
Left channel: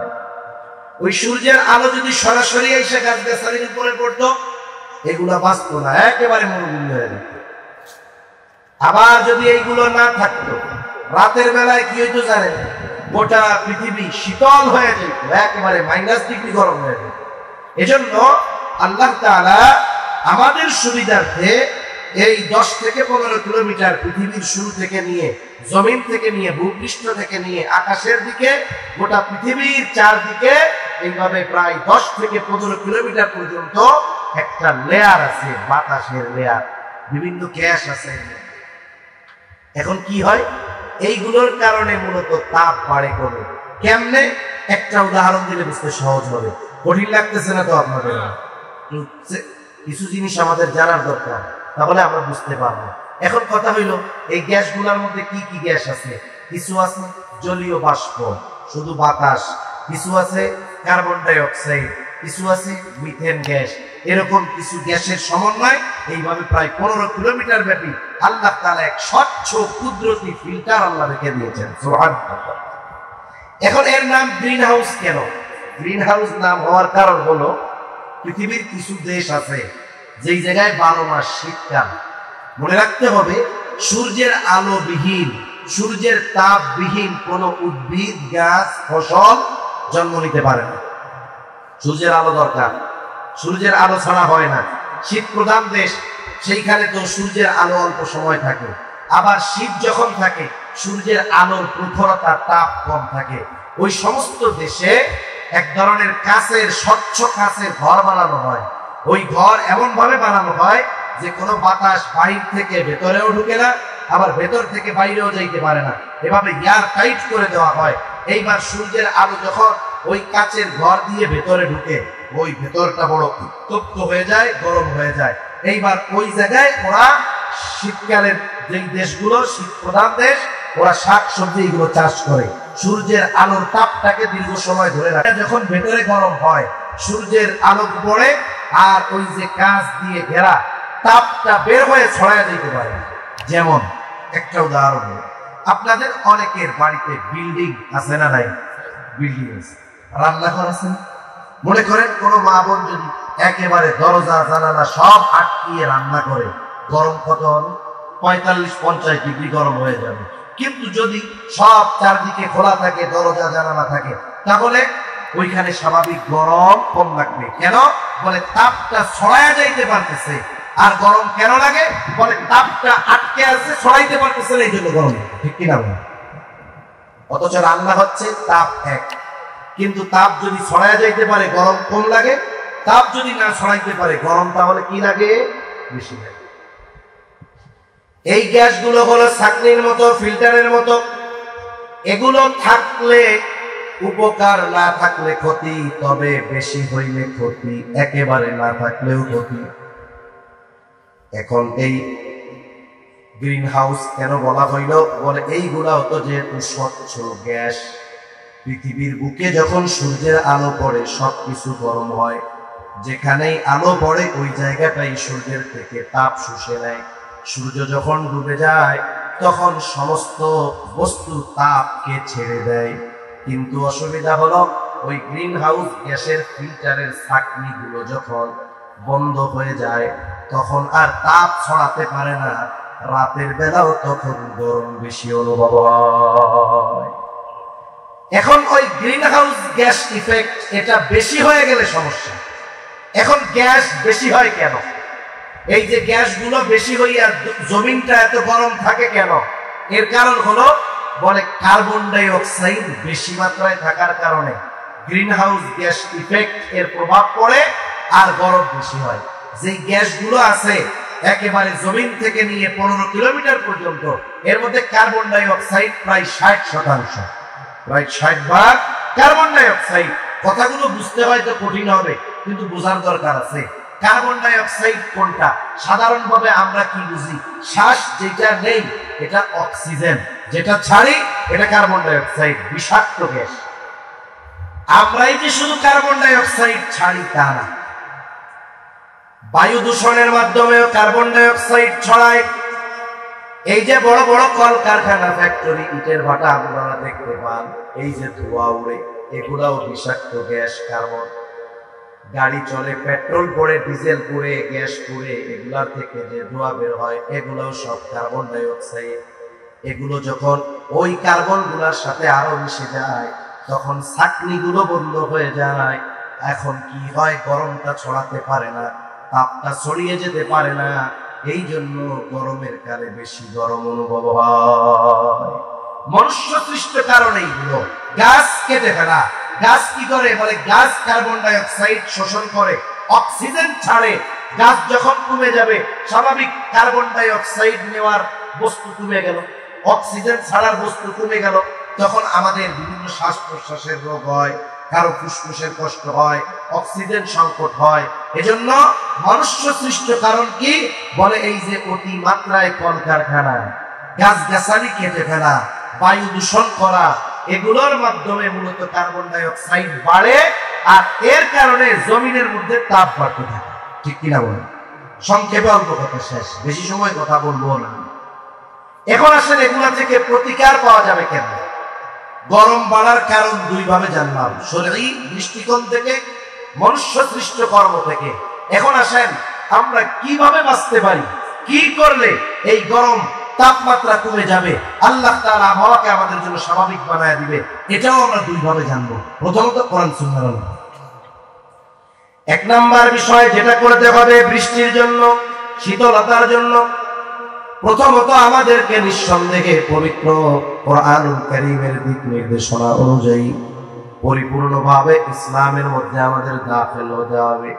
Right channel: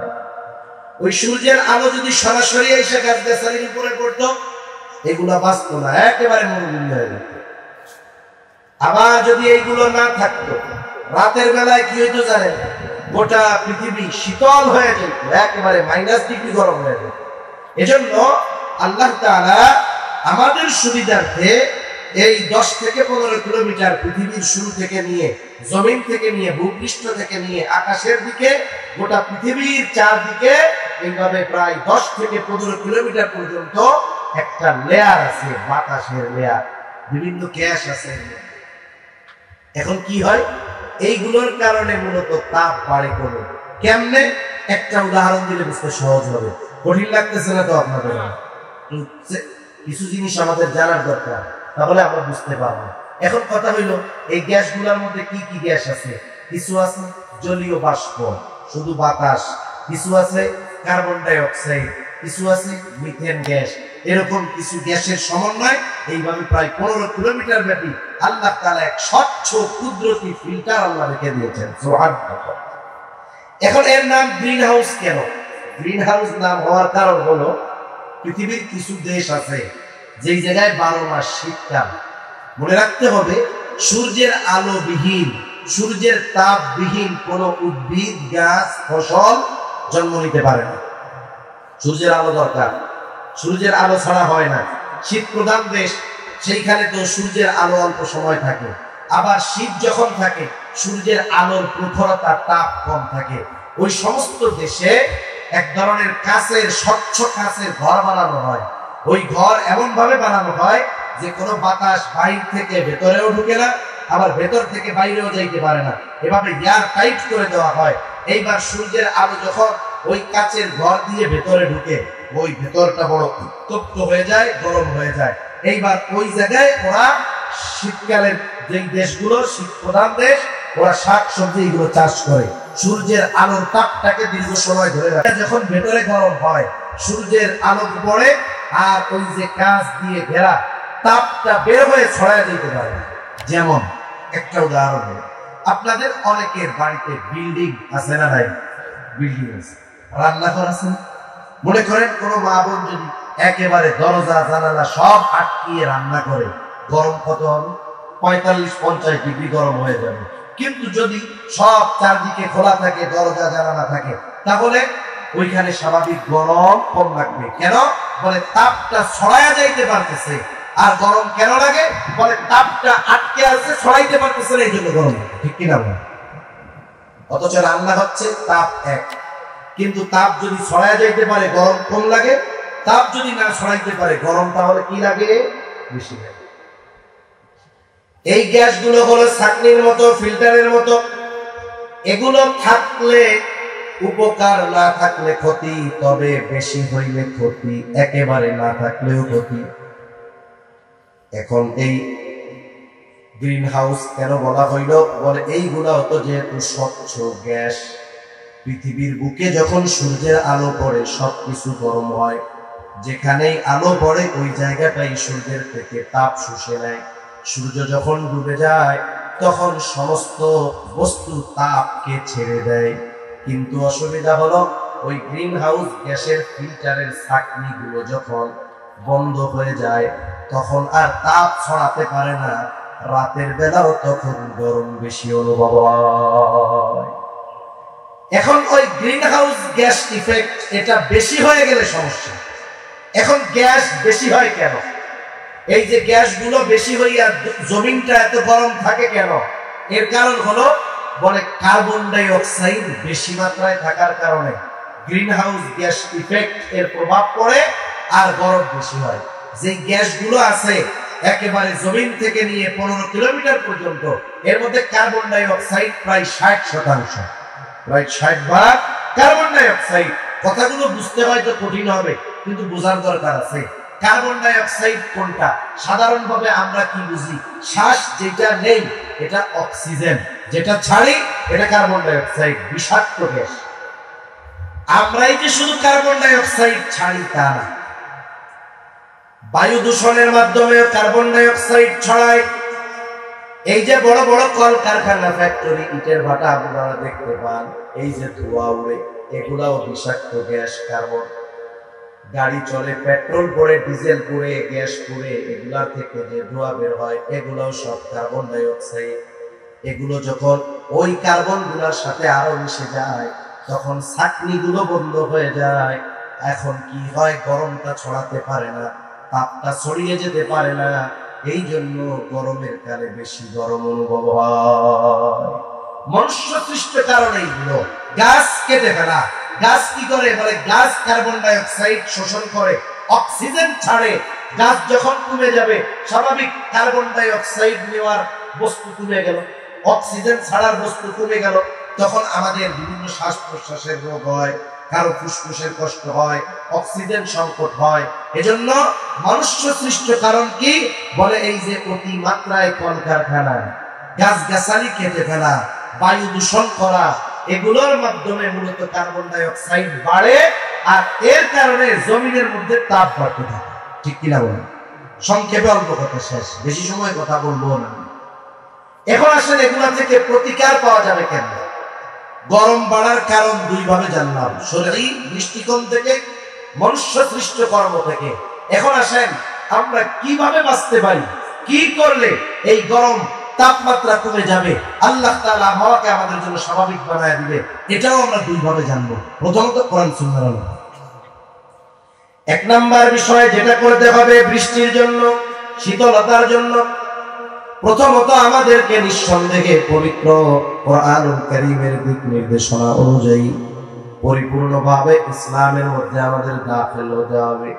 ওই সূর্যের আলো যদি সরাসরি এসে গাছ-গাছালির উপরে পড়তো এগুলা বাঁচতো না, একেবারে মরুভূমি হয়ে যেত। আবার যদি এইগুলো না থাকতো রাতের বেলায় কি হইতো জানেন? গোটা পৃথিবী শীতল হয়ে যেত, একেবারে -ডিগ্রি গরম হয়ে যেত। এজন্য আল্লাহ তাআলা আমাদের সুবিধার্থে এই 10 থেকে 15 কিলোমিটার পৃথিবীর শুরু থেকে নিয়ে, জমিন থেকে নিয়ে, ভূপৃষ্ঠ থেকে নিয়ে আকাশের দিকে গোটা পৃথিবীর চারদিকে এইভাবে প্রায় 10 থেকে 15 কিলোমিটার পর্যন্ত একটা লেয়ার আছে, বাতাসের লেয়ার, বিভিন্ন গ্যাস আছে। এখন কি হয়? এইগুলোর কারণে মূলত তাপ বাড়ে কমে। কেমনে? একটা উদাহরণ দিলে বুঝতে সহজ হবে। কঠিন লাগতেছে না তো আপনাদের? কিছু জিনিস আমাদের জানার দরকার, তাহলে আমরা বুঝতে পারবো। এখন কথা হইল এই গ্যাসগুলোর মধ্যে কি কি গ্যাস আছে? কিছু আছে জলীয় বাষ্প, শুধু বাতাস, কিছু আছে কার্বন ডাই অক্সাইড, কিছু আছে মিথেন গ্যাস। এরকম কিছু গ্যাসের সমন্বয় এইভাবে প্রায় 15 কিলোমিটার ব্যাপী আল্লাহ তাআলা এক স্বচ্ছ কুদরতি ফিল্টার আল্লাহ রেখে দিয়েছেন। সুবহানাল্লাহ। এখন এর নাম গ্রিন হাউস কেন? গ্রিন হাউস নাম হওয়ার কারণ হলো পৃথিবীর কিছু দেশ আছে যেই জায়গায় 12 মাস শীতকাল। মনে রাখতে হবে সূর্যের আলো বিহীন, সূর্যের তাপ বিহীন কোন উদ্ভিদ, গাছ, ফসল জন্ম নিতে পারে না। সূর্যের আলো দরকার, সূর্যের আলো ছাড়া হয় না। শীত প্রধান দেশ, সেইখানে তো সূর্যের আলো অল্প সময় থাকে। আবার শীত যখন থাকে সূর্যের আলোর প্রখরতা, তাপ কম থাকে। ওই সমস্ত দেশে এক ধরনের কাঁচের, স্বচ্ছ কাঁচের ঘর বানানো হয়। ওই ঘর এমন ভাবে বানানো হয় যে কোনো বাতাস বাইরে থেকে ভেতরেও ঢুকে না, আবার ভেতর থেকে বাইরেও যাইতে পারে না। এভাবে এয়ার টাইট করে দেওয়া হয়। এইবার সূর্যের আলো যখন ওই কাঁচের ঘর দিয়ে ভেতরে ঢুকে, ওই ভেতরটা বড় উত্তপ্ত হয়ে যায়, গরম হয়ে যায়। এইবার ওই জায়গায় ওরা শীতকালের যে দেশগুলো শীত প্রধান দেশ, ওরা শাকসবজি এগুলো চাষ করে। সূর্যের আলোর তাপটাকে দীর্ঘ সময় ধরে রাখে। যখন ভেতরে গরম হয় সূর্যের আলো পড়ে আর ওই যে কাঁচ দিয়ে ঘেরা তাপটা বের হয়ে ছড়ায় দিতে পারে। যেমন একটা উদাহরণ, আপনাদের অনেকের বাড়িতে বিল্ডিং আছে না ভাই? বিল্ডিং আছে, রান্নাঘর আছে। মনে করেন কোন মা বোন যদি একেবারে দরজা জানালা সব আটকিয়ে রান্না করে, গরম কত হবে? 45-50 ডিগ্রি গরম হয়ে যাবে। কিন্তু যদি সব চারদিকে খোলা থাকে, দরজা জানালা থাকে, তাহলে ওইখানে স্বাভাবিক গরম কম লাগবে। কেন? বলে তাপটা ছড়ায় যাইতে পারতেছে। আর গরম কেন লাগে? বলে তাপটা আটকে আছে, ছড়াইতে পারতেছে না, এই জন্য গরম। ঠিক কিনা বলেন? অথচ রান্না হচ্ছে তাপ এক, কিন্তু তাপ যদি ছড়ায় যাইতে পারে গরম কম লাগে, তাপ যদি না ছড়াইতে পারে গরম তাহলে কি লাগে? বেশি লাগে। এই গ্যাসগুলো হলো ছাঁকনির মতো, ফিল্টারের মতো। এগুলো থাকলে উপকার, না থাকলে ক্ষতি। তবে বেশি হইলে ক্ষতি, একেবারে না থাকলেও ক্ষতি। এখন এই গ্রিন হাউস কেন বলা হইল? বলে এইগুলা হতো যেহেতু স্বচ্ছ গ্যাস, পৃথিবীর বুকে যখন সূর্যের আলো পড়ে সবকিছু গরম হয়। যেখানেই আলো পড়ে ওই জায়গাটাই সূর্যের থেকে তাপ শুষে নেয়। সূর্য যখন ডুবে যায় তখন সমস্ত বস্তু তাপকে ছেড়ে দেয়। কিন্তু অসুবিধা হলো ওই গ্রিন হাউস গ্যাসের ফিল্টারের ছাঁকনিগুলো যখন বন্ধ হয়ে যায় তখন আর তাপ ছড়াতে পারে না। রাতের বেলাও তখন গরম বেশি অনুভব হয়। এখন ওই গ্রিন হাউস গ্যাস ইফেক্ট এটা বেশি হয়ে গেলে সমস্যা। এখন গ্যাস বেশি হয় কেন? এই যে গ্যাসগুলো বেশি হইয়া জমিনটা এত গরম থাকে কেন? এর কারণ হলো বলে কার্বন ডাই অক্সাইড বেশি মাত্রায় থাকার কারণে গ্রিন হাউস গ্যাস ইফেক্ট এর প্রভাব পড়ে আর গরম বেশি হয়। যে গ্যাসগুলো আছে একেবারে জমিন থেকে নিয়ে 15 কিলোমিটার পর্যন্ত, এর মধ্যে কার্বন ডাই অক্সাইড প্রায় 60%, প্রায় 60 ভাগ কার্বন ডাই অক্সাইড। কথাগুলো বুঝতে হয়তো কঠিন হবে, কিন্তু বোঝার দরকার আছে। কার্বন ডাই অক্সাইড কোনটা? সাধারণভাবে আমরা কি বুঝি? শ্বাস যেটা নেই এটা অক্সিজেন, যেটা ছাড়ি এটা কার্বন ডাই অক্সাইড, বিষাক্ত গ্যাস। আমরাই যে শুধু কার্বন ডাই অক্সাইড ছাড়ি তা না, বায়ু দূষণের মাধ্যমে কার্বন ডাই অক্সাইড ছড়ায়। এই যে বড় বড় কলকারখানা, ফ্যাক্টরি, ইটের ভাটা আপনারা দেখতে পান, এই যে ধোঁয়া উড়ে, এগুলাও বিষাক্ত গ্যাস, কার্বন। গাড়ি চলে, পেট্রোল পড়ে, ডিজেল পড়ে, গ্যাস পড়ে, এগুলার থেকে যে ধোঁয়া বের হয় এগুলোও সব কার্বন ডাই অক্সাইড। এগুলো যখন ওই কার্বন গুলার সাথে আরো মিশে যায় তখন ছাঁকনিগুলো বন্ধ হয়ে যায়। এখন কি হয়? গরমটা ছড়াতে পারে না, তাপটা ছড়িয়ে যেতে পারে না। এই জন্য গরমের কালে বেশি গরম অনুভব হয়। মনুষ্য সৃষ্ট কারণ এইগুলো। গাছ কেটে ফেলা। গাছ কি করে? বলে গাছ কার্বন ডাই অক্সাইড শোষণ করে, অক্সিজেন ছাড়ে। গাছ যখন কমে যাবে, স্বাভাবিক কার্বন ডাই অক্সাইড নেওয়ার বস্তু কমে গেল, অক্সিজেন ছাড়ার বস্তু কমে গেল, তখন আমাদের বিভিন্ন শ্বাস প্রশ্বাসের রোগ হয়, কারো ফুসফুসের কষ্ট হয়, অক্সিজেন সংকট হয়। এজন্য মনুষ্য সৃষ্ট কারণ কি? বলে এই যে অতি মাত্রায় কলকারখানা, গাছগাছালি কেটে ফেলা, বায়ু দূষণ করা, এগুলোর মাধ্যমে মূলত কার্বন ডাই অক্সাইড বাড়ে আর এর কারণে জমিনের মধ্যে তাপ বাড়তে থাকে। ঠিক কিনা বলেন? সংক্ষেপে অল্প কথা শেষ, বেশি সময় কথা বলবো না। এখন আসলে এগুলা থেকে প্রতিকার পাওয়া যাবে কেন? গরম বাড়ার কারণ দুই ভাবে জানলাম, শরীরী দৃষ্টিকোণ থেকে, মনুষ্য সৃষ্ট কর্ম থেকে। এখন আসেন আমরা কিভাবে বাঁচতে পারি, কি করলে এই গরম তাপমাত্রা কমে যাবে, আল্লাহ তাআলা আবহাওয়াকে আমাদের জন্য স্বাভাবিক বানায় দিবে, এটাও আমরা দুই ভাবে জানবো। প্রথমত কোরআন সুন্নাহর আলোকে। এক নাম্বার বিষয় যেটা করতে হবে বৃষ্টির জন্য, শীতলতার জন্য, প্রথমত আমাদেরকে নিঃসন্দেহে পবিত্র কোরআনুল কারীমের দিক নির্দেশনা অনুযায়ী পরিপূর্ণভাবে ইসলামের মধ্যে আমাদের দাখিল হতে হবে।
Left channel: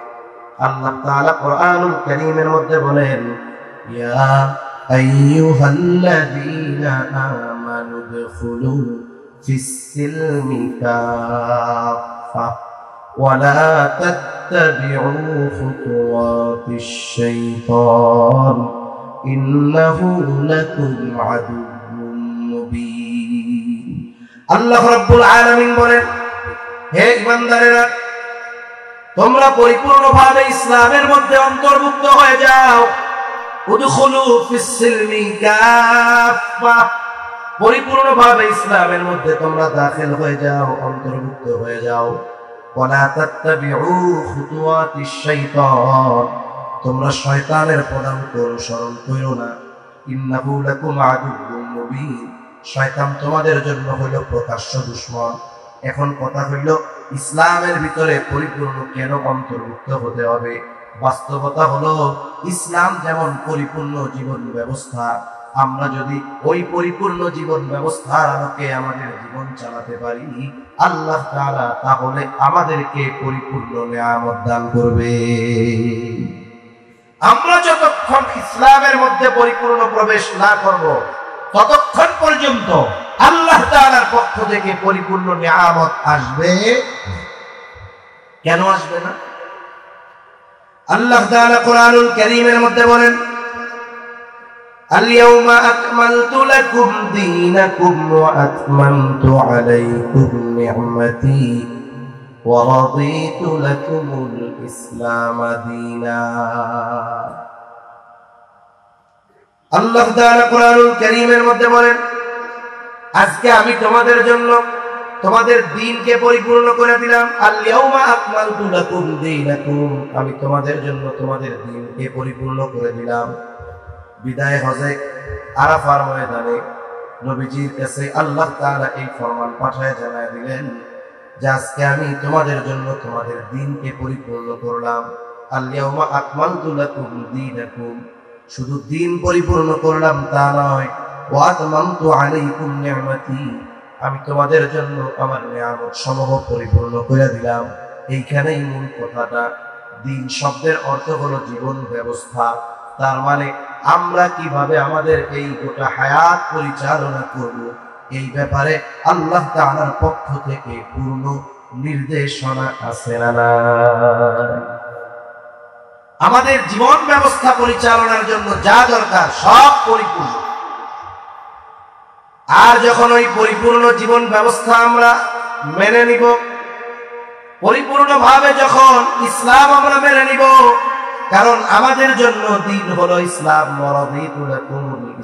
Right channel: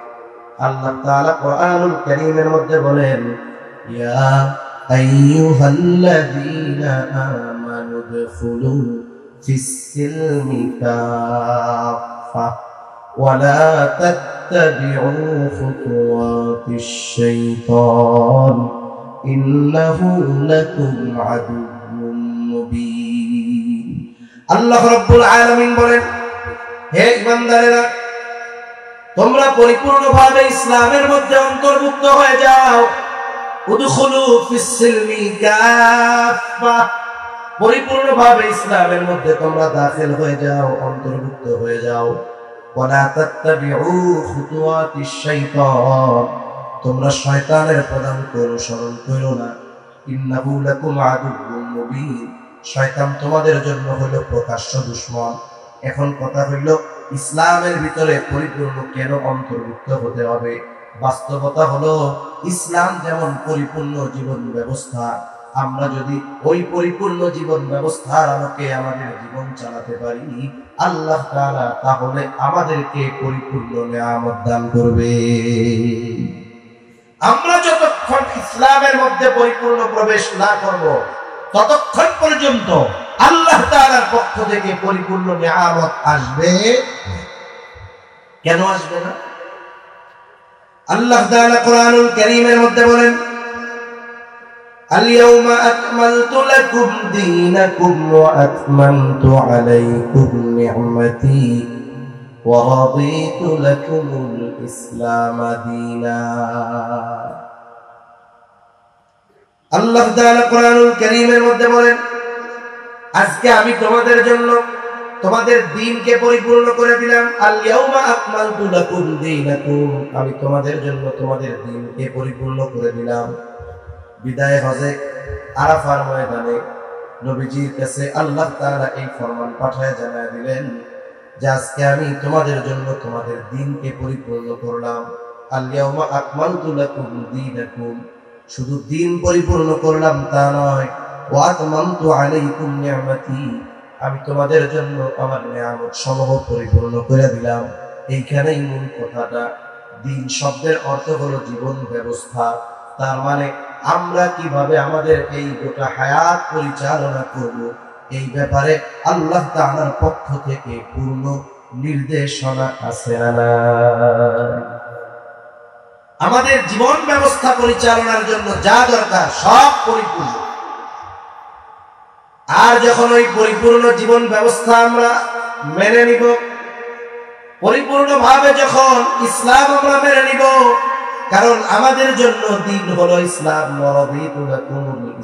আল্লাহ তাআলা কোরআনুল কারীমের মধ্যে বলেন, ইয়া আইয়ুহাল্লাযীনা আমানু দুখুলু ফিস-সিলমি কাফা ওয়া লা তাত্তাবিউ খুতুওয়াতিশ শাইতান ইন্নাহু লাকুম আদুউম মুবিন। আল্লাহ রাব্বুল আলামিন বলেন, হে ইমানদারেরা, তোমরা পরিপূর্ণভাবে ইসলামের মধ্যে অন্তর্ভুক্ত হয়ে যাও। উদখুলু ফিস-সিলমি কাফা, পরিপূর্ণভাবে ইসলামের মধ্যে তোমরা দাখিল হয়ে যাও, অন্তর্ভুক্ত হয়ে যাও। ওয়া লা তাত্তাবিউ খুতুওয়াতিশ শাইতান, তোমরা শয়তানের পদাঙ্ক অনুসরণ করো না। ইন্নাহু লাকুম আদুউম মুবিন, শয়তান তোমাদের জন্য হলো প্রকাশ্য দুশমন। এখন কথা হইল ইসলামের ভিতরে পরিপূর্ণ কেন অন্তর্ভুক্ত হতে হবে? বাস্তবতা হলো ইসলাম যেমন পরিপূর্ণ জীবন ব্যবস্থা, আমরা যদি ওই পরিপূর্ণ জীবন ব্যবস্থার আলোকে আমাদের জীবন চালাতে পারি, আল্লাহ তাআলা তাহলে আমাদেরকে পরিপূর্ণ নিয়ামত দান করবে। আমরা যতক্ষণ ইসলামের মধ্যে পরিপূর্ণ প্রবেশ না করব, ততক্ষণ পর্যন্ত আল্লাহ তাআলার পক্ষ থেকে পরিপূর্ণ নিয়ামত আসবে কেন আসবে না? আল্লাহ তাআলা কোরআনুল কারীমের মধ্যে বলেন, আল-ইয়াওমা আকমালতু লাকুম দীনাকুম ওয়া আতমামতু আলাইকুম নি'মাতি ওয়া রাদিতু লাকুমুল ইসলাম দীনা। আল্লাহ তাআলা কোরআনুল কারীমের মধ্যে বলেন, আজকে আমি তোমাদের জন্য তোমাদের দ্বীনকে পরিপূর্ণ করে দিলাম। আল-ইয়াওমা আকমালতু লাকুম দীনাকুম, আমি তোমাদের জন্য তোমাদের দ্বীনকে পরিপূর্ণ করে দিলাম। বিদায় হজে আরাফার ময়দানে নবীজির কাছে আল্লাহ তাআলা এই ফরমান পাঠায় জানায় দিলেন যে আজকে আমি তোমাদের জন্য তোমাদের দ্বীনকে পরিপূর্ণ করলাম। আল-ইয়াওমা আকমালতু লাকুম দীনাকুম, শুধু দ্বীন পরিপূর্ণ করলাম তা নয়, ওয়া আতমামতু আলাইকুম নি'মাতি, আমি তোমাদের জন্য আমার নিয়ামত সমূহ পরিপূর্ণ করে দিলাম। এইখানেই মূল কথাটা। দ্বীন শব্দের অর্থ হলো জীবন ব্যবস্থা। তার মানে আমরা কিভাবে আমাদের এই গোটা হায়াত পরিচালনা করব, এই ব্যাপারে আল্লাহ তাআলার পক্ষ থেকে পূর্ণ নির্দেশনা আছে। আমাদের জীবন ব্যবস্থা পরিচালনার জন্য যা দরকার সব পরিপূর্ণ। আর যখন ওই পরিপূর্ণ জীবন ব্যবস্থা আমরা মেনে নিব, পরিপূর্ণভাবে যখন ইসলাম আমরা মেনে নিব, কারণ আমাদের জন্য দ্বীন হলো ইসলাম,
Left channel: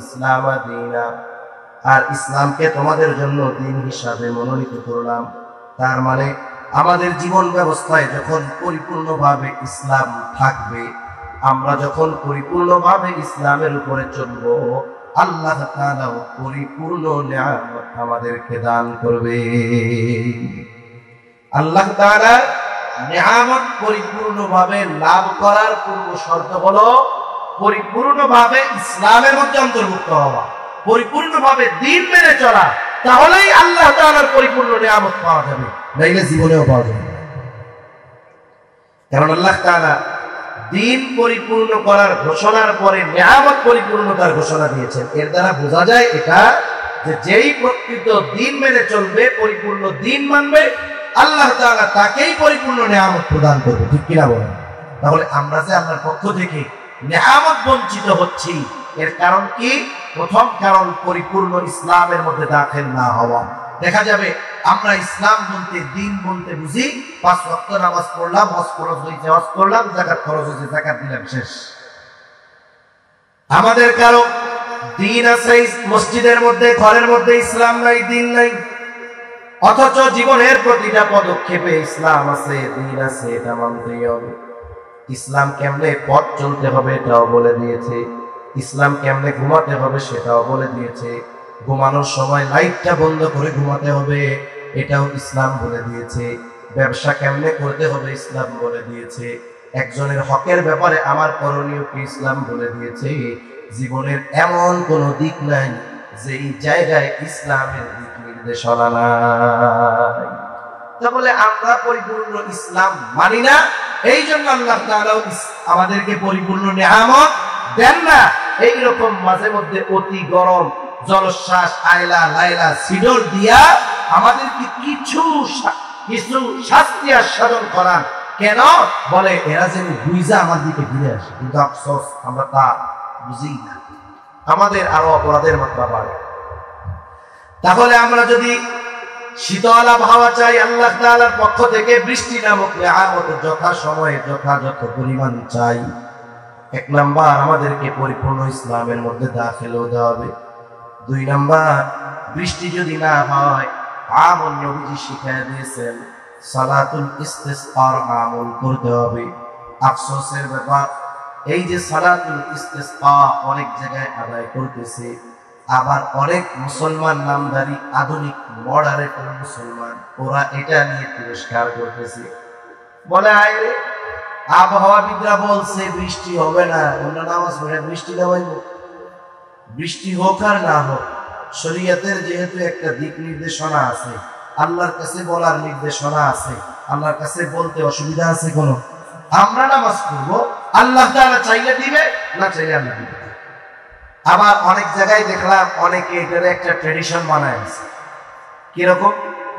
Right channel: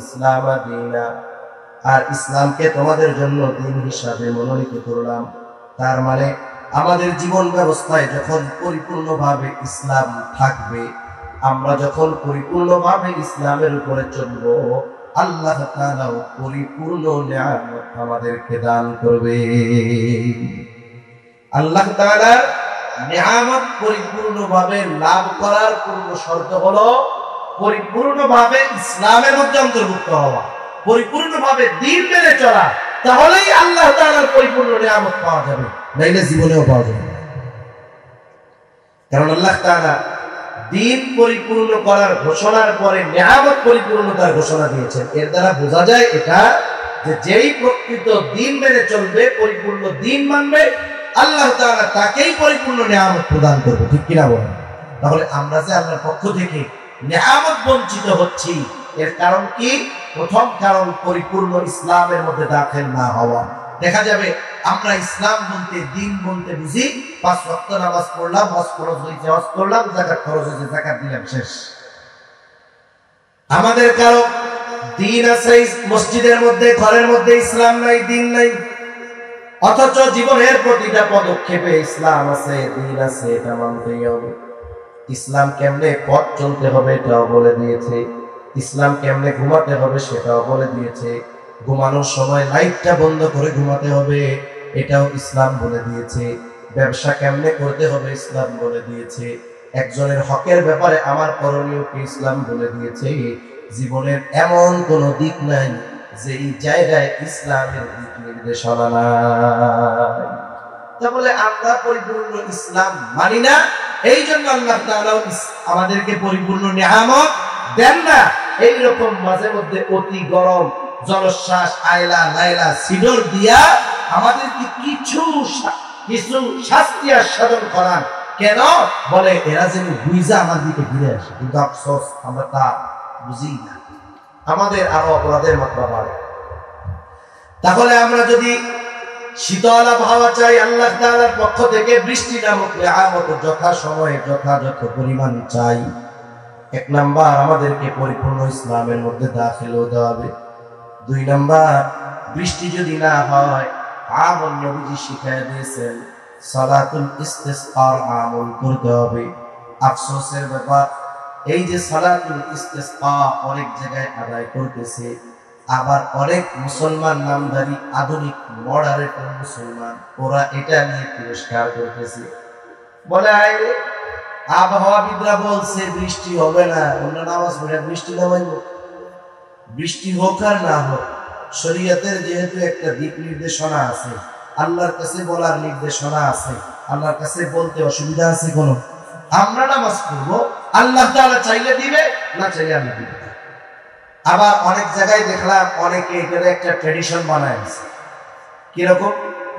ইসলাম দীনা, আর ইসলামকে তোমাদের জন্য দ্বীন হিসাবে মনোনীত করলাম। তার মানে আমাদের জীবন ব্যবস্থায় যখন পরিপূর্ণভাবে ইসলাম থাকবে, আমরা যখন পরিপূর্ণভাবে ইসলামের উপরে চলব, আল্লাহ তাআলা পরিপূর্ণ নিয়ামত আমাদেরকে দান করবে। আল্লাহ তাআলা নিয়ামত পরিপূর্ণভাবে লাভ করার পূর্ব শর্ত হলো পরিপূর্ণভাবে ইসলামের মধ্যে অন্তর্ভুক্ত হওয়া, পরিপূর্ণভাবে দ্বীন মেনে চলা। তাহলেই আল্লাহ তাআলার পরিপূর্ণ নিয়ামত পাওয়া যাবে, নাইলে জীবনেও পাওয়া যাবে। কারণ আল্লাহ তাআলা দ্বীন পরিপূর্ণ করার ঘোষণার পরে নিয়ামত পরিপূর্ণতার ঘোষণা দিয়েছেন। এর দ্বারা বোঝা যায় এটা যে যেই প্রকৃত দ্বীন মেনে চলবে, পরিপূর্ণ দ্বীন মানবে, আল্লাহ তাআলা তাকেই পরিপূর্ণ নিয়ামত প্রদান করবে। ঠিক কিনা বলেন? তাহলে আমরা যে আল্লাহর পক্ষ থেকে নিয়ামত বঞ্চিত হচ্ছি, এর কারণ কি? প্রথম কারণ পরিপূর্ণ ইসলামের মধ্যে দাখিল না হওয়া। দেখা যাবে আমরা ইসলাম বলতে, দ্বীন বলতে বুঝি 5 ওয়াক্ত নামাজ পড়লাম, হজ ফরজ হইছে হজ করলাম, যাকাত ফরজ হইছে যাকাত দিলাম, শেষ। আমাদের কারো দ্বীন আছে মসজিদের মধ্যে, ঘরের মধ্যে ইসলাম নাই, দ্বীন নাই। অথচ জীবনের প্রতিটা পদক্ষেপে ইসলাম আছে, দ্বীন আছে, এটা মানতেই হবে। ইসলাম কেমনে পথ চলতে হবে এটাও বলে দিয়েছে, ইসলাম কেমনে ঘুমাতে হবে সেটাও বলে দিয়েছে, ঘুমানোর সময় লাইটটা বন্ধ করে ঘুমাতে হবে এটাও ইসলাম বলে দিয়েছে, ব্যবসা কেমনে করতে হবে ইসলাম বলে দিয়েছে, একজনের হকের ব্যাপারে আমার করণীয় কি ইসলাম বলে দিয়েছে। জীবনের এমন কোনো দিক নাই যে এই জায়গায় ইসলামের দিক নির্দেশনা নাই। তাহলে আমরা পরিপূর্ণ ইসলাম মানি না, এই জন্য আল্লাহ তাআলা আমাদেরকে পরিপূর্ণ নিয়ামত দেন না। এইরকম মাঝে মধ্যে অতি গরম জলশ্বাস, আয়লা লাইলা সিডর দিয়া আমাদেরকে কিছু শাস্তি আস্বাদন করান। কেন? বলে এরা যেন বুঝা আমার দিকে ঘিরে আসে, কিন্তু আফসোস আমরা তা বুঝি না, আমাদের আরো অপরাধের মাত্রা বাড়ে। তাহলে আমরা যদি শীতল আবহাওয়া চাই, আল্লাহ তাআলার পক্ষ থেকে বৃষ্টি নামক নিয়ামত যথা সময়ে যথাযথ পরিমাণ চাই, 1 নাম্বার আমাদেরকে পরিপূর্ণ ইসলামের মধ্যে দাখিল হতে হবে। 2 নাম্বার, বৃষ্টি যদি না হয়, আমল নবীজি শিখিয়ে দিয়েছেন সালাতুল ইস্তিসকার আমল করতে হবে। আফসোসের ব্যাপার, এই যে সালাতুল ইস্তিসকা অনেক জায়গায় আদায় করতেছে, আবার অনেক মুসলমান নামধারী আধুনিক মডারেট মুসলমান ওরা এটা নিয়ে পুরস্কার করতেছে, বলে আবহাওয়াবিদরা বলছে বৃষ্টি হবে না, অন্য নামাজ পড়ে বৃষ্টি দেওয়া, বৃষ্টি হোক আর না হোক, শরীয়তের যেহেতু একটা দিক নির্দেশনা আছে, আল্লাহর কাছে বলার নির্দেশনা আছে, আল্লাহর কাছে বলতে অসুবিধা আছে কোন? আমরা নামাজ পড়বো, আল্লাহ তাআলা চাইলে দিবে, না চাইলে আমি দিব। আবার অনেক জায়গায় দেখলাম অনেকে এটারে একটা ট্রেডিশন বানায় আছে। কিরকম?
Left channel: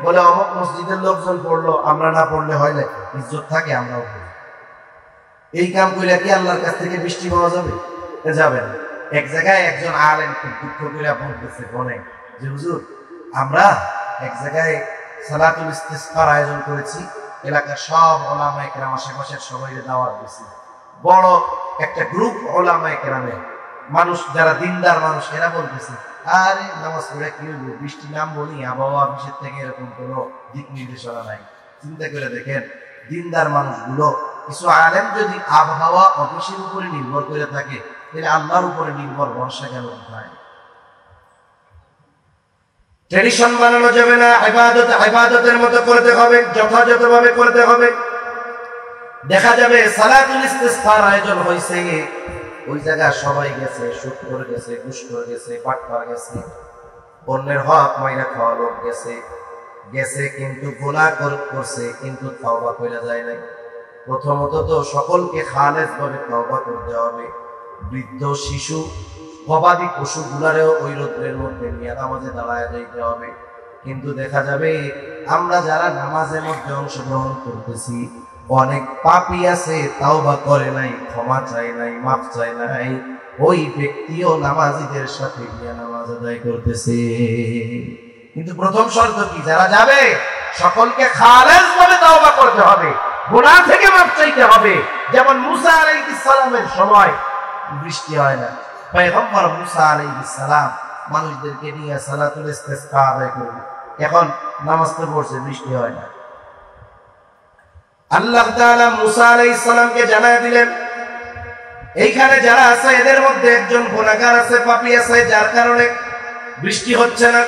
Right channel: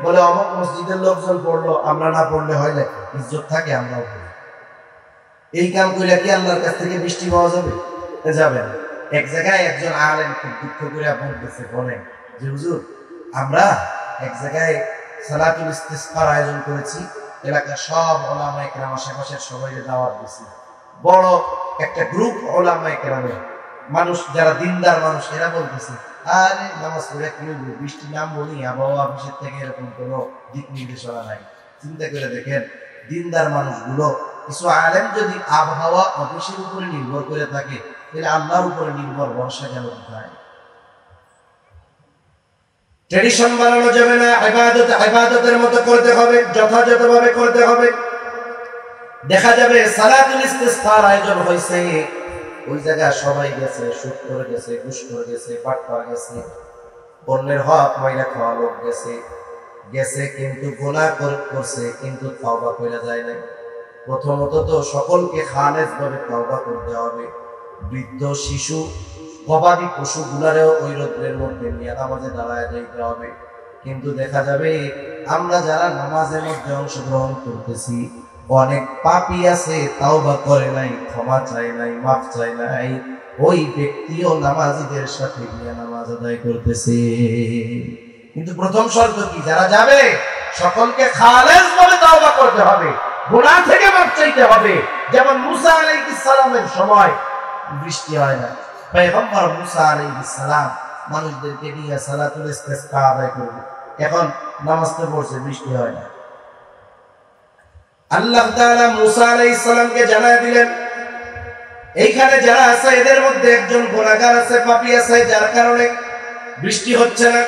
বলে অমুক মসজিদের লোকজন পড়লো, আমরা না পড়লে হয় না, ইজ্জত থাকে, আমরাও পড়ি। এই কাম করে কি আল্লাহর কাছ থেকে বৃষ্টি পাওয়া যাবে? যাবে না। এক জায়গায় একজন আলেম খুব দুঃখ করে বলতেছে, বলেন যে হুজুর, আমরা এক জায়গায় সালাতুল ইস্তিসকার আয়োজন করেছি, এলাকার সব ওলামায়ে কেরাম, আশেপাশের সবাইকে দাওয়াত দিয়েছি, বড় একটা গ্রুপ ওলামায়ে কেরামের মানুষ যারা দিনদার মানুষ, এরা বলতেছে আরে নামাজ পড়ে কি হইব, বৃষ্টি নামবো নি, আবহাওয়া অফিসের থেকে এরকম কোনো দিক নির্দেশনা নাই। চিন্তা করে দেখেন, দিনদার মানুষগুলো, কিছু আলেম যদি আবহাওয়া অফিসের উপরে নির্ভর করে থাকে, তাহলে আল্লাহর উপরে নির্ভর ভরসা কেন হয়? ট্রেডিশন বানানো যাবে না, ইবাদত ইবাদতের মতো করতে হবে, যথাযথভাবে করতে হবে। দেখা যাবে সালাতুল ইস্তিসকার আয়োজন হয়েছে, ওই জায়গা সবাই গেছে, সুদ করে গেছে, ঘুষ করে গেছে, বাটপার গেছে, অন্যের হক মাইরা খাওয়া লোক গেছে কিন্তু গুনাহ করছে, কিন্তু তওবা কইরা যায় না। প্রথমত তো সকলকে খালেস ভাবে তওবা করতে হবে। বৃদ্ধ, শিশু, গবাদি পশুগুলারেও ওই রোদ্রের মধ্যে নিয়ে নামাজে দাঁড়ায় দিতে হবে। কিন্তু দেখা যাবে আমরা যারা নামাজের মধ্যে অংশগ্রহণ করতেছি, অনেক পাপী আছে, তাওবা করে নাই, ক্ষমা চায় নাই, মাফ চায় নাই, ওই ব্যক্তিও নামাজীদের সাথে গিয়ে নামাজ আদায় করতেছে। কিন্তু প্রথম শর্ত কি? যারা যাবে সকলকে খালেস ভাবে তাওবা করতে হবে, গুনাহ থেকে মাফ চাইতে হবে। যেমন মুসা আলাইহিস সালামের সময় বৃষ্টি হয় না, পয়গম্বর মুসা আলাইহিস সালাম মানুষদেরকে নিয়ে সালাতুল ইস্তিসকা আদায় করবে, এখন নামাজ তো পড়ছে, বৃষ্টি হয় না। আল্লাহ তাআলা মুসা আলাইহিস সালামকে জানায় দিলেন, এইখানে যারা আছে এদের মধ্যে একজন গুনাহগার আছে, পাপী আছে, যার কারণে বৃষ্টি হচ্ছে না।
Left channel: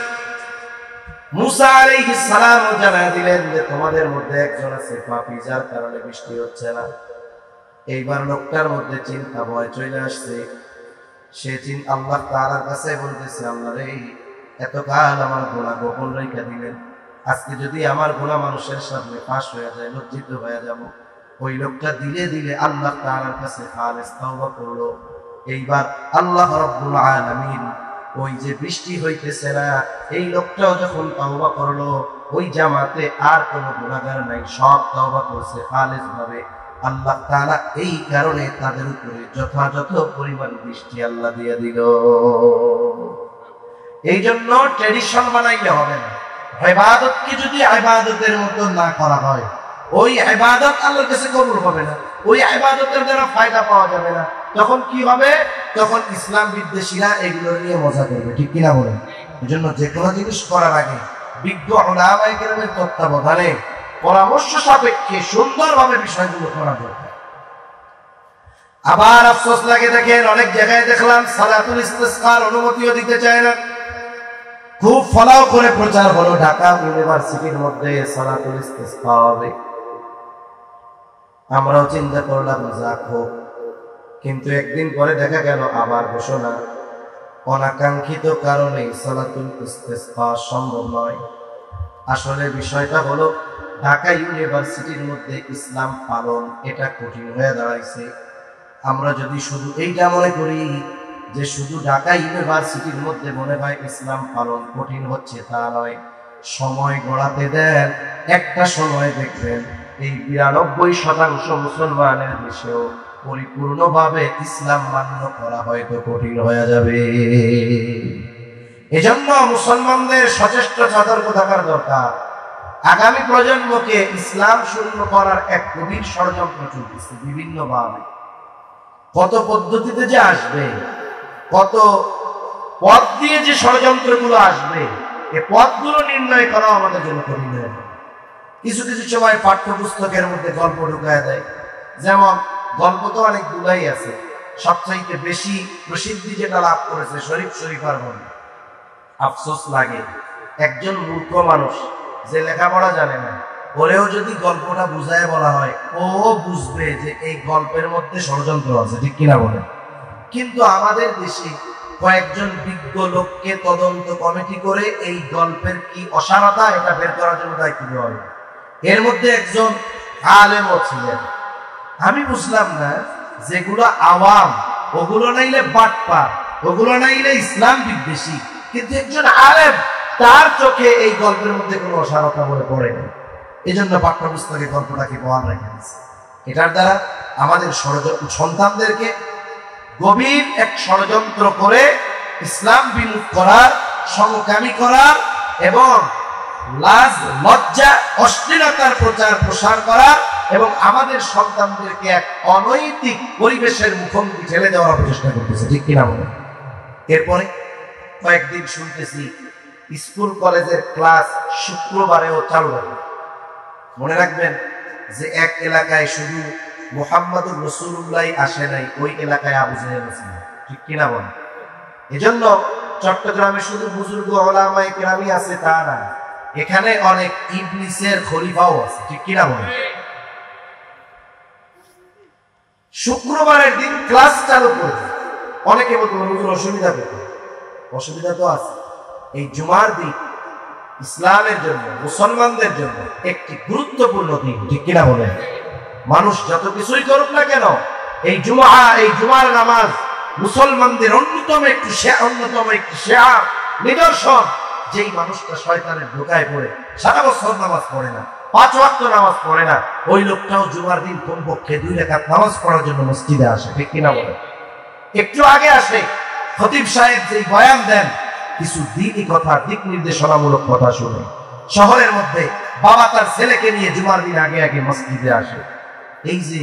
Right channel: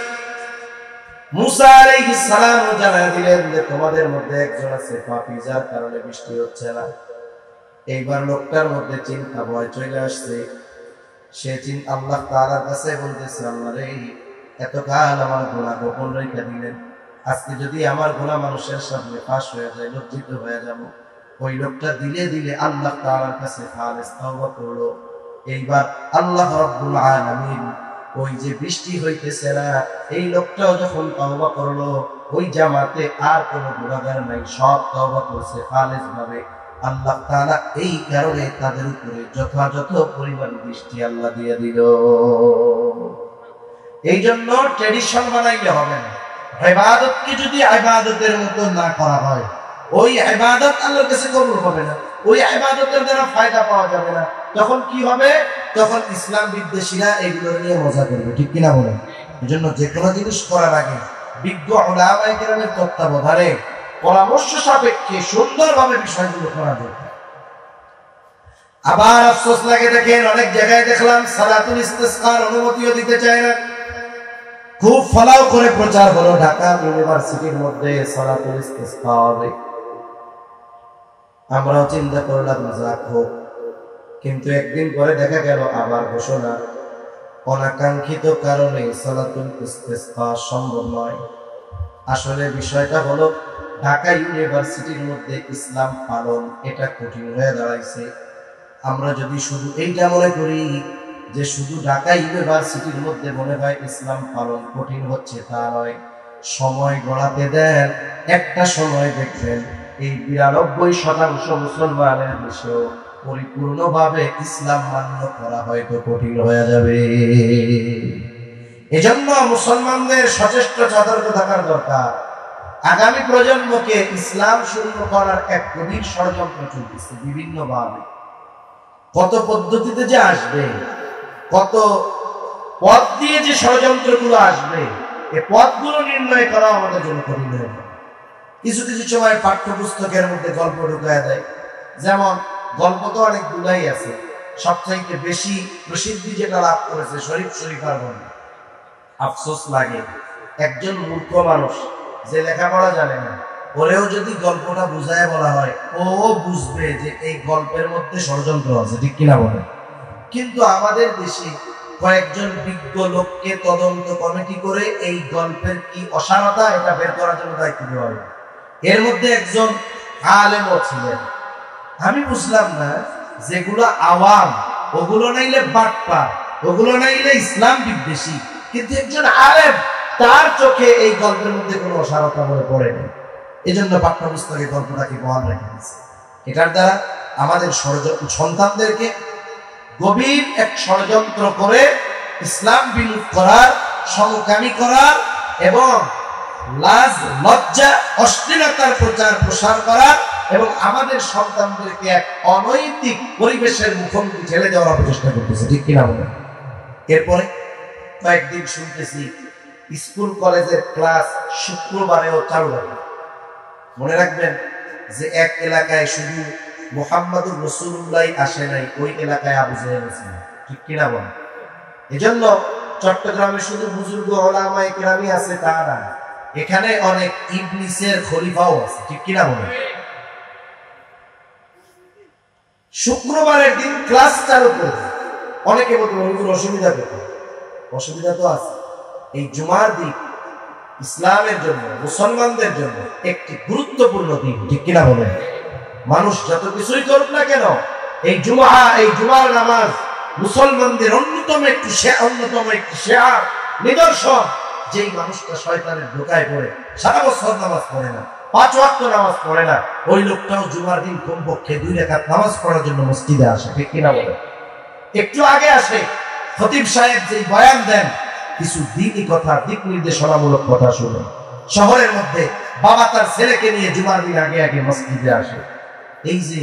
মুসা আলাইহিস সালাম জানায় দিলেন যে তোমাদের মধ্যে একজন আছে পাপী, যার কারণে বৃষ্টি হচ্ছে না। এইবার লোকটার মধ্যে চিন্তা ভয় চলে আসছে। সে আল্লাহ তাআলার কাছে বলতেছে, আল্লাহ রে, এতকাল আমার গুনাহ গোপন রেখে দিলেন, আজকে যদি আমার গুনাহ মানুষের সামনে ফাঁস হয়ে যায়, লজ্জিত হয়ে যাব। ওই লোকটা দিলে দিলে আল্লাহ তাআলার কাছে খালেস তওবা করলো। এইবার আল্লাহ রাব্বুল আলামিন ওই যে বৃষ্টি হইতেছে না, এই লোকটাও যখন তওবা করলো, ওই জামাতে আর কোনো গুনাহগার নাই, সব তওবা করছে খালেস ভাবে। আল্লাহ তাআলা এই কারণে তাদের উপরে যথাযথ পরিমাণ বৃষ্টি আল্লাহ দিয়ে দিল। এই জন্য ট্রেডিশন বানাইলে হবে না। ইবাদতকে যদি ইবাদতের মতো না করা হয়, ওই ইবাদত আল্লাহর কাছে কবুল হবে না, ওই ইবাদতের দ্বারা ফায়দা পাওয়া যাবে না। তখন কি হবে? তখন ইসলাম বিদ্বেষীরা এগুলো নিয়ে মজা করবে, ঠিক কিনা বলেন? এই জন্য যে কোনো জিনিস করার আগে বিজ্ঞ উলামায়ে কেরামের তত্ত্বাবধানে পরামর্শ সাপেক্ষে সুন্দরভাবে বিষয়গুলো করা দরকার। আবার আফসোস লাগে, দেখেন অনেক জায়গায় দেখলাম সালাতুল ইস্তিসকার অনুমতিও দিতে চায় না। খুব ফলাও করে প্রচার হলো ঢাকা ইউনিভার্সিটির মধ্যে সালাতুল ইস্তিসকা হবে। আমরাও চিন্তা করলাম যাক হোক, কিন্তু একদিন পরে দেখা গেল আবার ঘোষণা, অনাকাঙ্ক্ষিত কারণে সালাতুল ইস্তিসকা সম্ভব নয়। আসলে বিষয়টা হলো ঢাকা ইউনিভার্সিটির মধ্যে ইসলাম পালন এটা কঠিন হয়ে দাঁড়াইছে। আমরা যদি শুধু এইটা মনে করি যে শুধু ঢাকা ইউনিভার্সিটির মধ্যে মনে হয় ইসলাম পালন কঠিন হচ্ছে, তা নয়। সময় গড়াতে দেন, একটা সময় দেখবেন এই 92% মুসলমানের দেশেও পরিপূর্ণভাবে ইসলাম মান্য করা হয়তো কঠিন হয়ে যাবে। এজন্য মুসলমানদের সচেষ্ট সতর্ক থাকার দরকার। আগামী প্রজন্মকে ইসলাম শূন্য করার এক গভীর ষড়যন্ত্র চলতেছে বিভিন্নভাবে। কত পদ্ধতিতে যে আসবে, কত পথ দিয়ে যে ষড়যন্ত্রগুলো আসবে, এই পথগুলো নির্ণয় করা আমাদের জন্য কঠিন হবে। কিছু কিছু সময় পাঠ্যপুস্তকের মধ্যে গল্প ঢুকায় দেয়। যেমন গল্প তো অনেকগুলাই আছে, সবচাইতে বেশি প্রসিদ্ধি যেটা লাভ করেছে শরীফ শরীফার গল্প। আফসোস লাগে, একজন মূর্খ মানুষ যে লেখাপড়া জানে না, ওরেও যদি গল্পটা বুঝায় বলা হয়, ও বুঝবে যে এই গল্পের মধ্যে ষড়যন্ত্র আছে, ঠিক কিনা বলে। কিন্তু আমাদের দেশে কয়েকজন বিজ্ঞ লোককে তদন্ত কমিটি করে এই গল্পের কি অসারতা এটা বের করার জন্য দায়িত্ব দেওয়া হয়। এর মধ্যে একজন আলেমও ছিলেন। আমি বুঝলাম না, যেগুলো আওয়াম ওগুলো নাইলে বাটপা, ওগুলো নাইলে ইসলাম বিদ্বেষী, কিন্তু একজন আলেম তার চোখে এই গল্পের মধ্যে কোনো অসারতা মনে পড়েনি। এই জন্য পাঠ্যপুস্তকে গল্পটাকে বহাল রেখে দিয়েছে। এটার দ্বারা আমাদের সন্তানদেরকে গভীর এক ষড়যন্ত্র করে ইসলাম বিমুখ করার, সমকামী করার এবং লাজ লজ্জা অশ্লীলতার প্রচার প্রসার করা এবং আমাদের সন্তানদেরকে এক অনৈতিক পরিবেশের মুখোমুখি ঠেলে দেওয়ার প্রচেষ্টা করতেছে, ঠিক কিনা বলেন? এরপরে কয়েকদিন শুনতেছি স্কুল কলেজের ক্লাস শুক্রবারেও চালু হবে। মনে রাখবেন যে এক এলাকায় শুধু মুহাম্মাদুর রাসূলুল্লাহ আসে নাই, ওই এলাকায় আবু জাহেল ছিল, ঠিক কিনা বলেন? এজন্য চট্টগ্রামে শুধু বুজুর্গ ওলামায়ে কেরামই আছে তা না, এখানে অনেক ইবলিসের খলিফাও আছে, ঠিক কিনা বলেন? শুক্রবারের দিন ক্লাস চালু করে অনেকে বলতে হুজুর অসুবিধা পেতে, অসুবিধা তো আছে। এই জুমার দিন ইসলামের জন্য, মুসলমানদের জন্য একটি গুরুত্বপূর্ণ দিন, ঠিক কিনা বলেন? মানুষ যত কিছুই করুক না কেন, এই জুমার নামাজ মুসলমানদের অন্যতম একটি শেয়ার নিদর্শন। যেই মানুষটা শয়তানের ধোঁকায় পড়ে সারা বছর নামাজ পড়ে না, 5 ওয়াক্ত নামাজ পড়ে না, ওই লোকটাও জুমার দিন কমপক্ষে 2 রাকাত নামাজ পড়ার জন্য মসজিদে আসে, ঠিক কিনা বলেন? একটু আগে আসে খতিব সাহেব যে বয়ান দেন, কিছু দিনই কথা, দিক নির্দেশনামূলক কথা শুনে। শহরের মধ্যে বাবা তার ছেলেকে নিয়ে জুমার দিন আগে আগে মসজিদে আসে। এই যে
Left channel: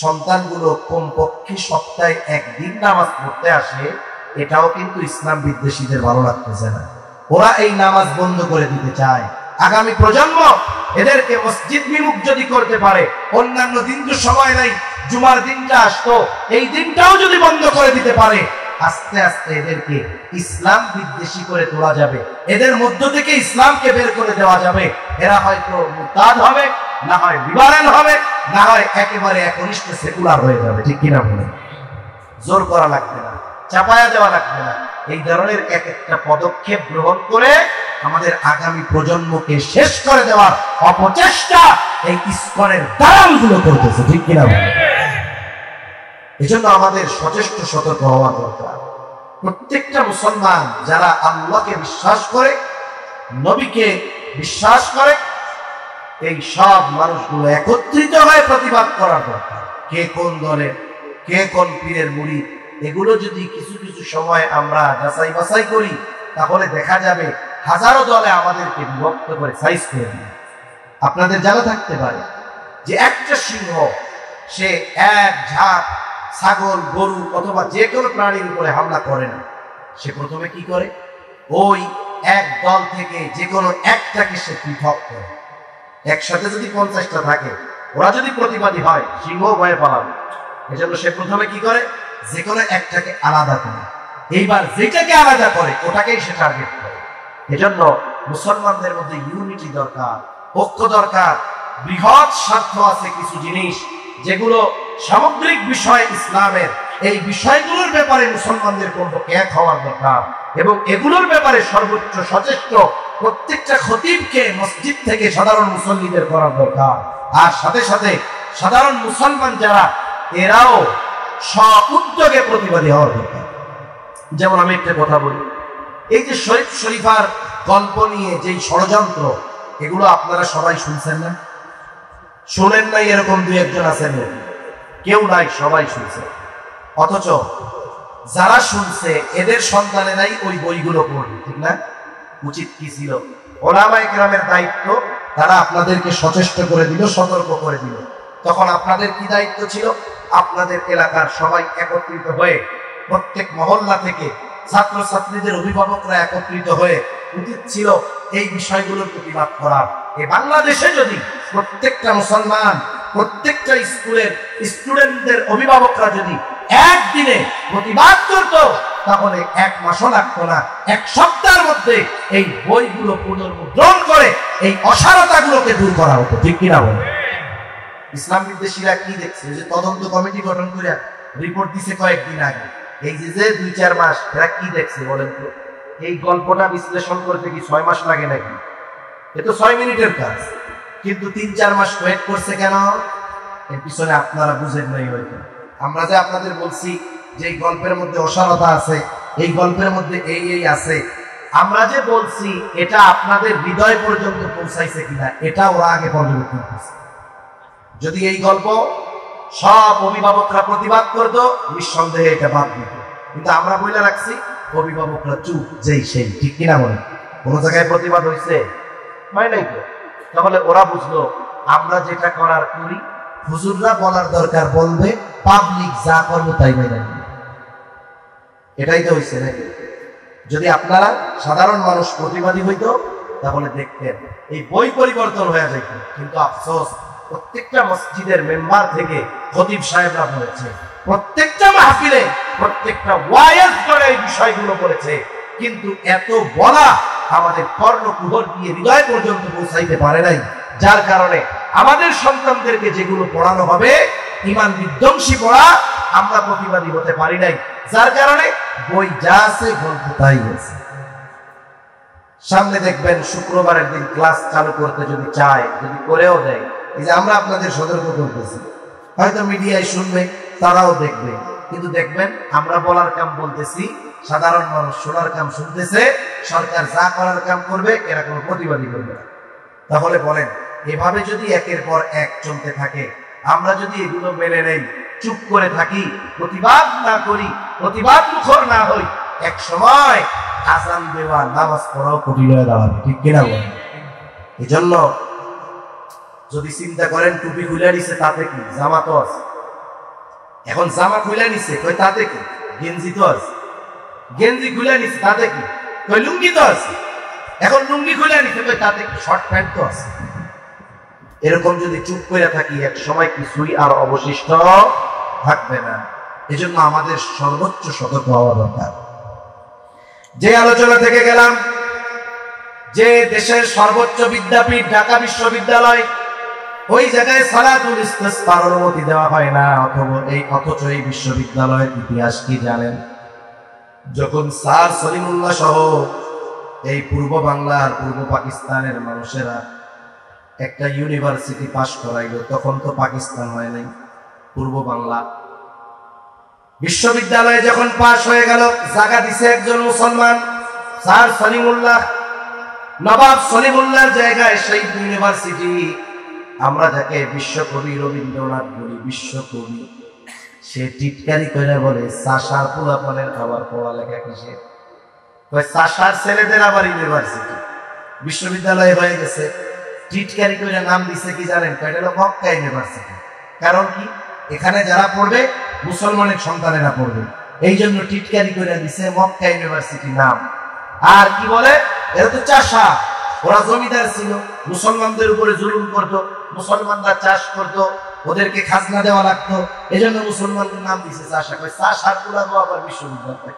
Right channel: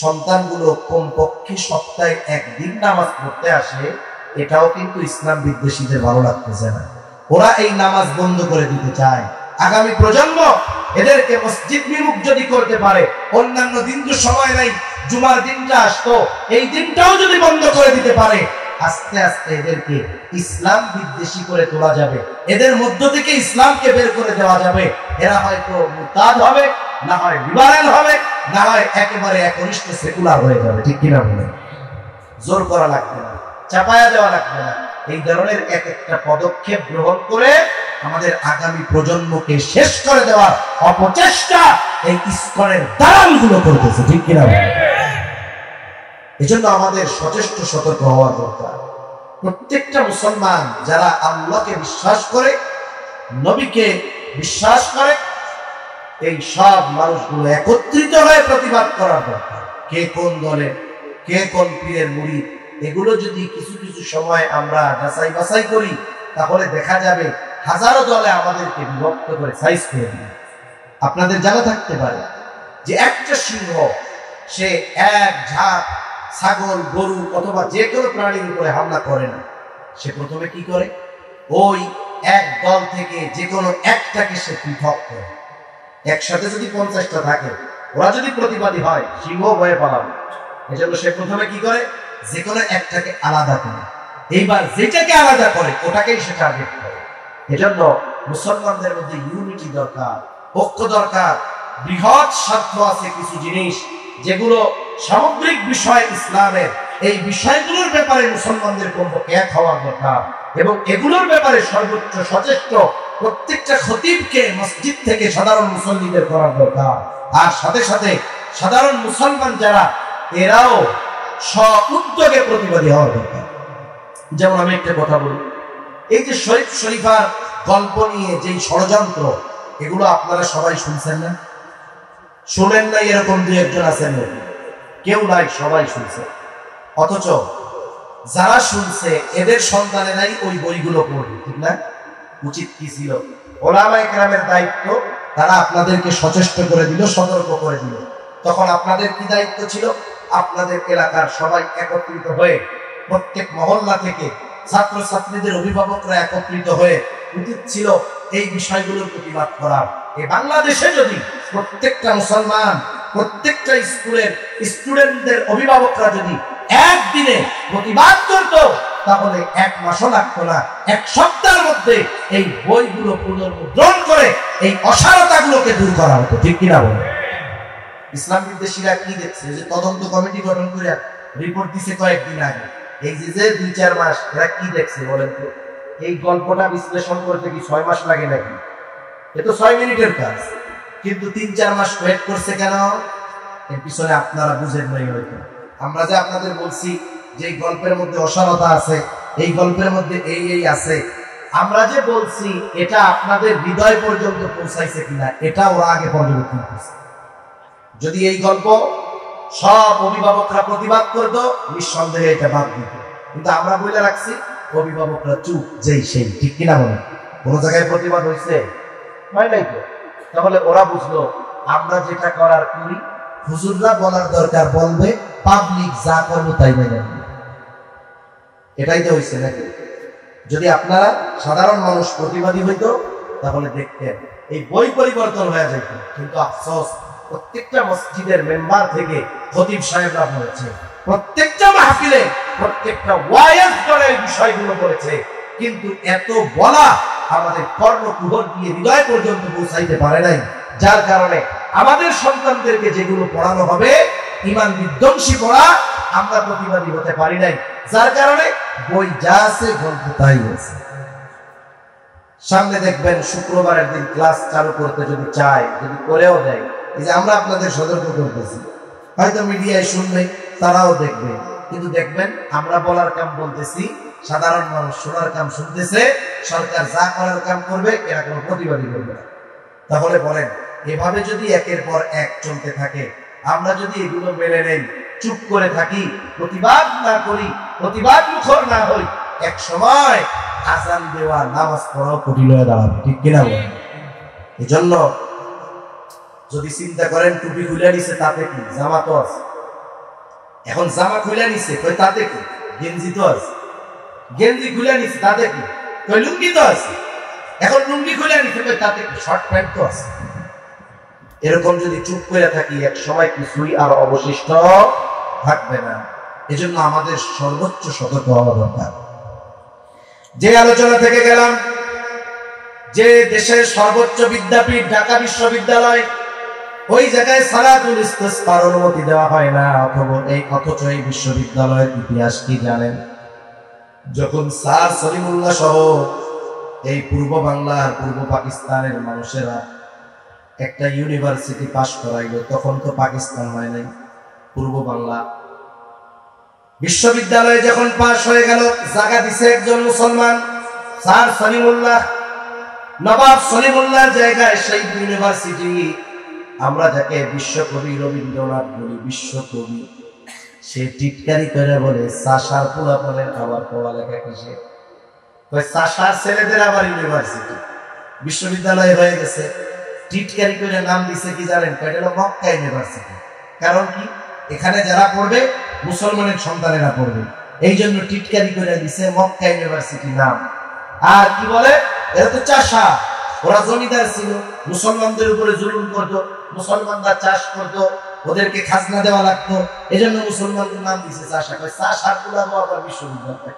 সন্তানগুলো কমপক্ষে সপ্তাহে 1 দিন নামাজ পড়তে আসে, এটাও কিন্তু ইসলাম বিদ্বেষীদের ভালো লাগতেছে না। ওরা এই নামাজ বন্ধ করে দিতে চায়। আগামী প্রজন্ম এদেরকে মসজিদ বিমুখ যদি করতে পারে, অন্যান্য দিন তো সময় নাই, জুমার দিনটা আসতো, এই দিনটাও যদি বন্ধ করে দিতে পারে, আস্তে আস্তে এদেরকে ইসলাম বিদ্বেষী করে তোলা যাবে, এদের মধ্য থেকে ইসলামকে বের করে দেওয়া যাবে। এরা হয়তো মুরতাদ হবে, না হয় লিবারেল হবে, না হয় একেবারে একনিষ্ঠ সেকুলার হয়ে যাবে, ঠিক কিনা বলেন? জোর করা লাগবে না, চাপায়া দেওয়া লাগবে না। এই ধরনের এক একটা পদক্ষেপ গ্রহণ করে আমাদের আগামী প্রজন্মকে শেষ করে দেওয়ার অপচেষ্টা এই ইসকনের দালালগুলো করতেছে, ঠিক কিনা বলেন? এজন্য আমাদের সচেষ্ট সতর্ক হওয়া দরকার। প্রত্যেকটা মুসলমান যারা আল্লাহকে বিশ্বাস করে, নবীকে বিশ্বাস করে, এই সব মানুষগুলো একত্রিত হয়ে প্রতিবাদ করার দরকার। কে কোন দলে, কে কোন পীরের মুরিদ, এগুলো যদি কিছু কিছু সময় আমরা যাচাই বাছাই করি, তাহলে দেখা যাবে হাজারো দলে আমাদেরকে বিভক্ত করে সাইজ করে দিবে। আপনাদের জানা থাকতে পারে যে একটা সিংহ সে এক ঝাঁক ছাগল, গরু অথবা যে কোনো প্রাণীর উপরে হামলা করে না, সে প্রথমে কি করে? ওই এক দল থেকে যে কোনো একটাকে সে পৃথক করে। একসাথে যদি 50টা থাকে, ওরা যদি প্রতিবাদী হয়, সিংহ ভয়ে পালাবে। এজন্য সে প্রথমে কি করে? যে কোনো একটাকে আলাদা করে, এইবার যেটাকে আলাদা করে ওটাকেই সে টার্গেট করে। এজন্য মুসলমানদের মধ্যে ইউনিটি দরকার, ঐক্য দরকার। বৃহৎ স্বার্থ আছে কিছু জিনিস যেগুলো সামগ্রিক বিষয় ইসলামের, এই বিষয়গুলোর ব্যাপারে মুসলমানদের কমপক্ষে এক হওয়ার দরকার, এবং এগুলোর ব্যাপারে সর্বোচ্চ সচেষ্ট প্রত্যেকটা খতিবকে মসজিদ থেকে সাধারণ মুসল্লিদের করার দরকার। আর সাথে সাথে সাধারণ মুসলমান যারা, এরাও স্ব-উদ্যোগে প্রতিবাদী হওয়ার দরকার। যেমন আমি একটা কথা বলি, এই যে শরীফ শরীফার গল্প নিয়ে যে ষড়যন্ত্র, এগুলো আপনারা সবাই শুনছেন না? শুনেন নাই এরকম 2-1 আছেন? কেউ নাই, সবাই শুনছে। অথচ যারা শুনছে এদের সন্তানেরাই ওই বইগুলো পড়বে, ঠিক না? উচিত কি ছিল? ওলামায়ে কেরামের দায়িত্ব, তারা আপনাদেরকে সচেষ্ট করে দিল, সতর্ক করে দিল। তখন আপনাদের কি দায়িত্ব ছিল? আপনাদের এলাকার সবাই একত্রিত হয়ে, প্রত্যেক মহল্লা থেকে ছাত্রছাত্রীদের অভিভাবকরা একত্রিত হয়ে উচিত ছিল এই বিষয়গুলোর প্রতিবাদ করার। এই বাংলাদেশে যদি প্রত্যেকটা মুসলমান, প্রত্যেকটা স্কুলের স্টুডেন্টদের অভিভাবকরা যদি একদিনে প্রতিবাদ করত, তাহলে 1 মাসও লাগতো না, 1 সপ্তাহের মধ্যে এই বইগুলো পুনর্মুদ্রণ করে এই অসারতাগুলোকে দূর করা হতো, ঠিক কিনা বলে? ইসলাম বিদ্বেষীরা কি দেখছে? যে তদন্ত কমিটি গঠন করে রিপোর্ট দিছে কয়েকদিন আগে, এই যে 2-4 মাস, এরা কি দেখছে বলেন তো? এই গল্পটা বিশ্লেষণ করতে কি 6 মাস লাগে নাকি? এ তো 6 মিনিটের কাজ, কিন্তু 3-4 মাস ওয়েট করছে কেন? এর পিছনে আপনারা বুঝেন নাই হয়তো। আমরা যে আপনাদের বলছি যে এই গল্পের মধ্যে অসারতা আছে, এই গল্পের মধ্যে এই আছে, আমরা যে বলছি এটা আপনাদের হৃদয় পর্যন্ত পৌঁছাইছে কিনা, এটা ওরা আগে পর্যবেক্ষণ করছে। যদি এই গল্প সব অভিভাবকরা প্রতিবাদ করতো, নিঃসন্দেহে এটা বাদ দিত, কিন্তু আমরা বলে রাখছি অভিভাবকরা চুপ, যেই সেই, ঠিক কিনা বলেন? কোন জায়গায় প্রতিবাদ হয়েছে? হয় নাই তো। তাহলে ওরা বুঝলো আমরা যেটা করার করি, হুজুররা বলার দরকার বলবে, পাবলিক যা করবে তাই মেনে নেবে। এটাই তো হয়েছে নাকি? যদি আপনারা সাধারণ মানুষ প্রতিবাদী হইতো, তাহলে দেখতেন এই বই পরিবর্তন হয়ে যেত। কিন্তু আফসোস, প্রত্যেকটা মসজিদের মেম্বার থেকে খতিব সাহেবরা বলেছে, প্রত্যেকটা মাহফিলে, প্রত্যেকটা ওয়াইজ করে এই বিষয়গুলো করেছে, কিন্তু এত বলা আমাদের কর্ণকুহর দিয়ে হৃদয় পর্যন্ত পৌঁছাইতে পারে নাই, যার কারণে আমাদের সন্তানদেরকে যেগুলো পড়ানো হবে ঈমান বিধ্বংসী পড়া আমরা প্রতিবাদী হতে পারি নাই, যার কারণে বই যা আছে গল্প তাই হয়েছে। সামনে দেখবেন শুক্রবারের দিন ক্লাস চালু করতে যদি চায়, যদি করেও দেয়, এই যে আমরা আপনাদের সতর্ক করতেছি, হয়তো মিডিয়ায় শুনবে, তারাও দেখবে, কিন্তু দেখবেন আমরা বলার কাম বলতেছি, সাধারণ মানুষ শোনার কাম শুনতেছে, সরকার যা করার কাম করবে এরা কোনো প্রতিবাদী করবে না। তাহলে বলেন, এভাবে যদি একের পর এক চলতে থাকে, আমরা যদি এগুলো মেনে নেই, চুপ করে থাকি, প্রতিবাদ না করি, প্রতিবাদ মুখর না হই, এক সময় আযান দেওয়া নামাজ পড়াও কঠিন হয়ে দাঁড়াবে, ঠিক কিনা বলেন? এই জন্য যদি চিন্তা করেন টুপি খুলে নিছে তাতে কি, জামা তো আছে, এখন জামা খুলে নিছে কই তাতে কি, গেঞ্জি তো আছে, গেঞ্জি খুলে নিছে তাতে কি, কই লুঙ্গি তো আছে, এখন লুঙ্গি খুলে নিছে কই তাতে কি, শর্ট প্যান্ট তো আছে। এরকম যদি চুপ করে থাকি, এক সময় কিছুই আর অবশিষ্ট থাকবে না। এজন্য আমাদের সর্বোচ্চ সতর্ক হওয়া দরকার। যে আলোচনা থেকে গেলাম, যে দেশের সর্বোচ্চ বিদ্যাপীঠ ঢাকা বিশ্ববিদ্যালয়, ওই জায়গায় সালাতুল ইস্তিসকার অনুমতি দেওয়া হয় না, অথচ এই বিশ্ববিদ্যালয়ের ইতিহাস কি জানেন? যখন স্যার সলিমুল্লাহ সহ এই পূর্ব বাংলার, পূর্ব পাকিস্তানের মানুষেরা একটা ইউনিভার্সিটি পাশ করাইল, তখন তো পাকিস্তান হয় নাই, পূর্ব বাংলা। বিশ্ববিদ্যালয়ে যখন পাশ হয়ে গেল, জায়গা দিছে একজন মুসলমান, স্যার সলিমুল্লাহ, নবাব সলিমুল্লাহর জায়গায় সেই ইউনিভার্সিটি। আমরা যাকে বিশ্বকবি রবীন্দ্রনাথ বলি, বিশ্বকবি, সে টিটকারি করে বলে চাষার পোলাপানের আবার পড়ালেখা কিসে, চাষার ছেলেদের আবার ইউনিভার্সিটি, বিশ্ববিদ্যালয় হয়ে গেছে। টিটকারি করে নাম দিছে কি জানেন? এটা হলো মক্কা ইউনিভার্সিটি। কারণ কি, এখানে যারা পড়বে মুসলমানের সন্তানেরা পড়বে, এই জন্য টিটকারি করে দিছে মক্কা ইউনিভার্সিটি নাম। আর কি বলে, এরা তো চাষা, ওরা জমিদার ছিল, মুসলমানদের উপরে জুলুম করতো, মুসলমানরা চাষ করতো, ওদেরকে খাজনা দেওয়া লাগতো, এই জন্য মুসলমানদের নাম দিছে চাষা। চাষার গুলাবো আবার বিশ্ববিদ্যালয়।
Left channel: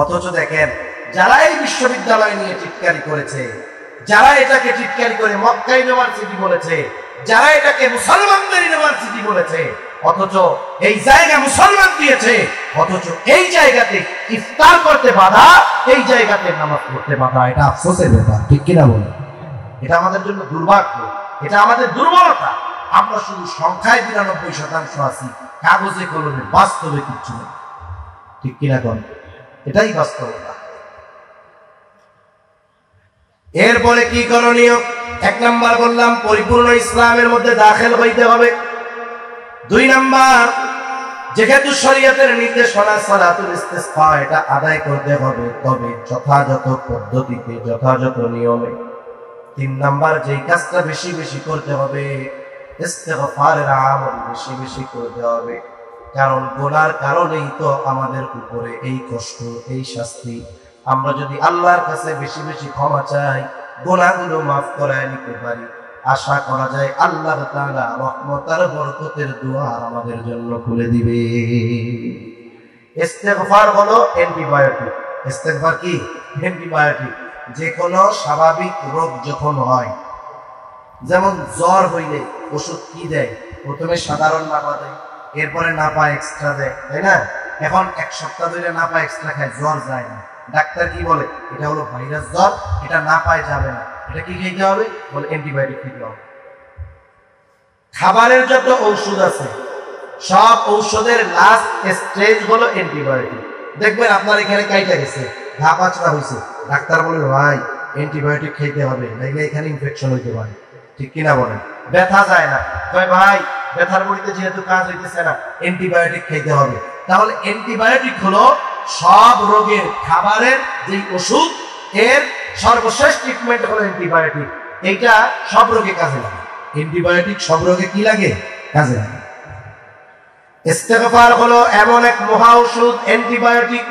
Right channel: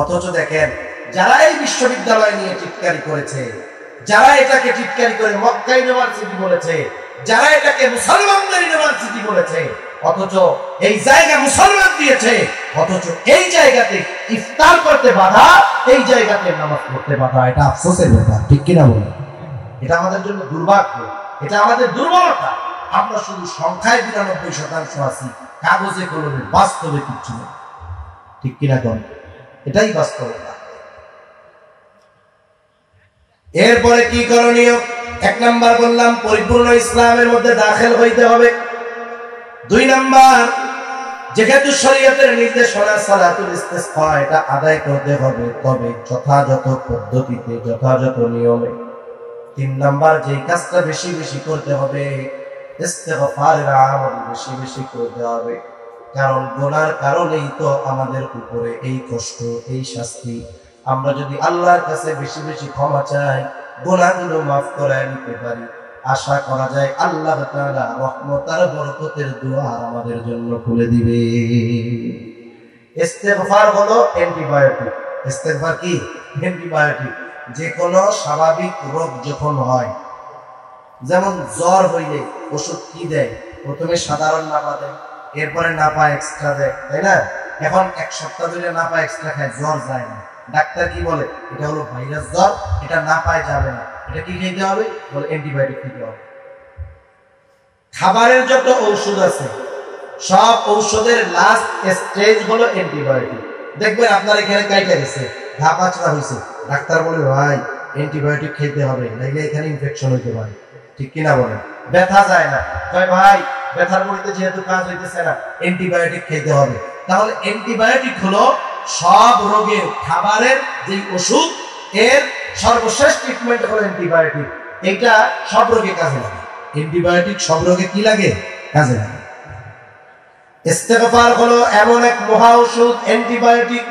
অথচ দেখেন, যারা এই বিশ্ববিদ্যালয় নিয়ে টিটকারি করেছে, যারা এটাকে টিটকারি করে মক্কা ইউনিভার্সিটি বলেছে, যারা এটাকে মুসলমানদের ইউনিভার্সিটি বলেছে, অথচ এই জায়গা মুসলমান দিয়েছে, অথচ এই জায়গাতে ইফতার করতে বাধা, এই জায়গাতে নামাজ পড়তে বাধা। এটা আফসোসের ব্যাপার, ঠিক কিনা বলে? এটা আমাদের জন্য দুর্ভাগ্য, এটা আমাদের দুর্বলতা। আমরা শুধু সংখ্যায় ৯২% আছি, কাগজে কলমে, বাস্তবে কিচ্ছু নেই, ঠিক কিনা বলে? এটাই বাস্তবতা। এরপরে কি করণীয়? ১ নাম্বার বললাম, পরিপূর্ণ ইসলামের মধ্যে দাখিল হইতে হবে। ২ নাম্বার, যেহেতু শরীয়তের নির্দেশনা সালাতুল ইস্তিসকা, এটা আদায় করতে হবে, তবে যথাযথ পদ্ধতিতে, যথাযথ নিয়মে। ৩ নাম্বার, যে কাজটা বেশি বেশি করতে হবে, ইস্তিগফারের আমল বেশি বেশি করতে হবে। কারণ গুনার কারণেই তো আমাদের উপরে এই কষ্ট, এই শাস্তি। আমরা যদি আল্লাহর কাছে বেশি বেশি ক্ষমা চাই, গুনাহগুলো মাফ করায় নিতে পারি, আশা করা যায় আল্লাহ তাআলা রহমত আর বরকতের দুয়ার আমাদের জন্য খুলে দিবে। ইস্তিগফার হলো অ্যান্টিবায়োটিক। ইস্তিগফার কি? অ্যান্টিবায়োটিক। যে কোনো স্বাভাবিক রোগ যখন হয়, যেমন জ্বর হইলে ওষুধ কি দেয়? প্রথমে সাধারণ নাপা দেয়, এরপরে নাপা এক্সট্রা দেয়, তাই না? এখন ১ সপ্তাহ ধরে নাপা এক্সট্রা খায়, জ্বর যায় না। ডাক্তার কি বলে? এটা হলো ভাইরাস জ্বর, এটা নাপায় যাবে না, এটা কি খেতে হবে? বলে অ্যান্টিবায়োটিক খেতে হবে। খাবারের যত ঔষধ আছে, সব ঔষধের লাস্ট স্টেজ হলো অ্যান্টিবায়োটিক। দেখবেন আপনার এখানে কাইটা গেছে, ঘা পাচড়া হয়েছে, ডাক্তার বলে ভাই অ্যান্টিবায়োটিক খেতে হবে, নাইলে এখানে ইনফেকশন হইতে পারে, ঠিক কিনা বলেন? ব্যথা যায় না, ভাই ব্যথার মধ্যে যেহেতু কাজ হইতেছে না, অ্যান্টিবায়োটিক খেতে হবে। তাহলে অ্যান্টিবায়োটিক হলো সব রোগের খাবারের যে ওষুধ, এর সর্বশেষ ট্রিটমেন্ট হলো অ্যান্টিবায়োটিক। এইটা সব রোগে কাজে লাগে। অ্যান্টিবায়োটিক সব রোগে কি লাগে? কাজে লাগে। ইস্তিগফার হলো এমন এক মহা ওষুধ, অ্যান্টিবায়োটিক,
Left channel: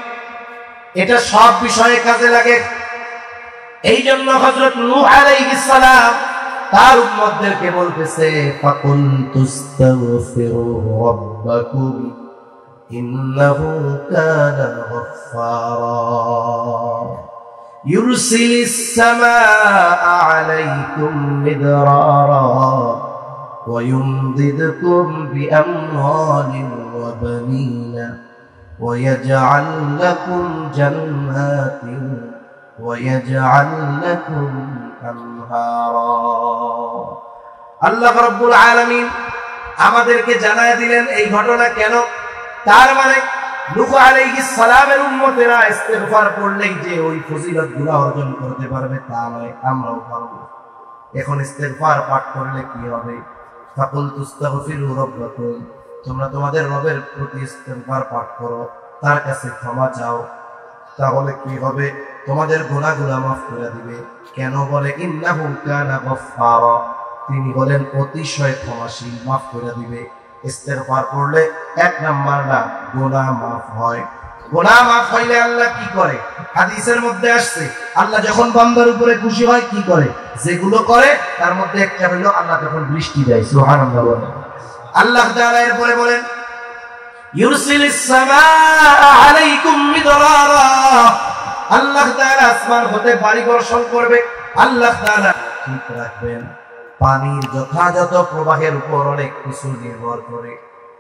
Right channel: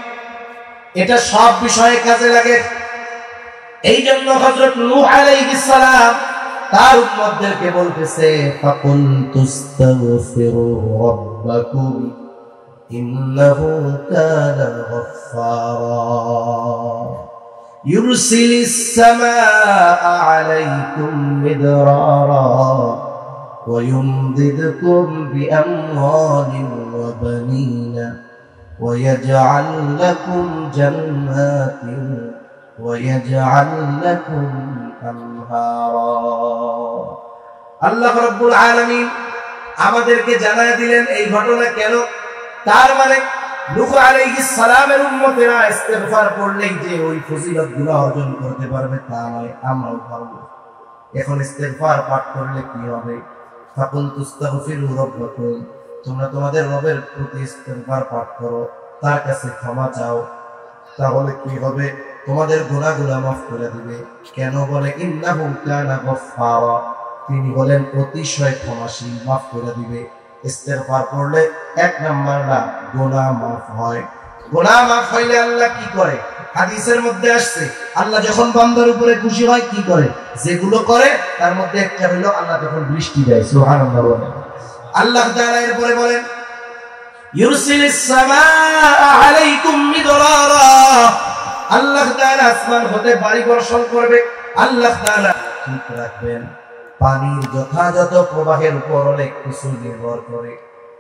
এটা সব বিষয়ে কাজে লাগে। এই জন্য হযরত নূহ আলাইহিস সালাম তার উম্মতদেরকে বলতেছে, ফাকুল তুস্তাগফিরু রাব্বাকুম ইন্নাহু কানা গফফারা ইউরসিলিস সামাআ আলাইকুম মিদরারা ওয়া ইউমদিদকুম বিআমওয়ালিন ওয়া বানিনা ওয়া ইয়াজআল লাকুম জান্নাতিন ওয়া ইয়াজআল লাকুম আনহারা। আল্লাহ রাব্বুল আলামিন আমাদেরকে জানায় দিলেন এই ঘটনা কেন। তার মানে নূহ আলাইহিস সালামের উম্মতেরা ইস্তিগফার করলেই যে ওই ফজিলতগুলো অর্জন করতে পারবে তা নয়, আমরাও পারব। এখন ইস্তিগফার পাঠ করলে কি হবে? ফাকুল তুস্তাগফিরু রাব্বাকুম, তোমরা তোমাদের রবের প্রতি ইস্তিগফার পাঠ করো, তার কাছে ক্ষমা চাও, তাহলে কি হবে? তোমাদের গুনাহগুলো মাফ করে দিবে। কেন বলে ইন্নাহু কানা গফফারা, তিনি বলেন অতিশয় ক্ষমাশীল, মাফ করে দিবে। ইস্তিগফার করলে এক নাম্বারটা গুনাহ মাফ হয়। গুনাহ মাফ হইলে আল্লাহ কি করে? হাদিসের মধ্যে আসছে আল্লাহ যখন বান্দার উপরে খুশি হয় কি করে? যেগুলো করে তার মধ্যে একটা হলো আল্লাহ তখন বৃষ্টি দেয়। সুবহানাল্লাহ। আল্লাহ তাআলা এরপরে বলেন ইউরসিলিস সামাআ আলাইকুম মিদরারা, আল্লাহ তাআলা আসমান হতে বাড়ি বর্ষণ করবে। আল্লাহ তাআলা ঠিক রাখবেন পানির যথাযথ প্রবাহের উপর অনেক কিছু নির্ভর করে,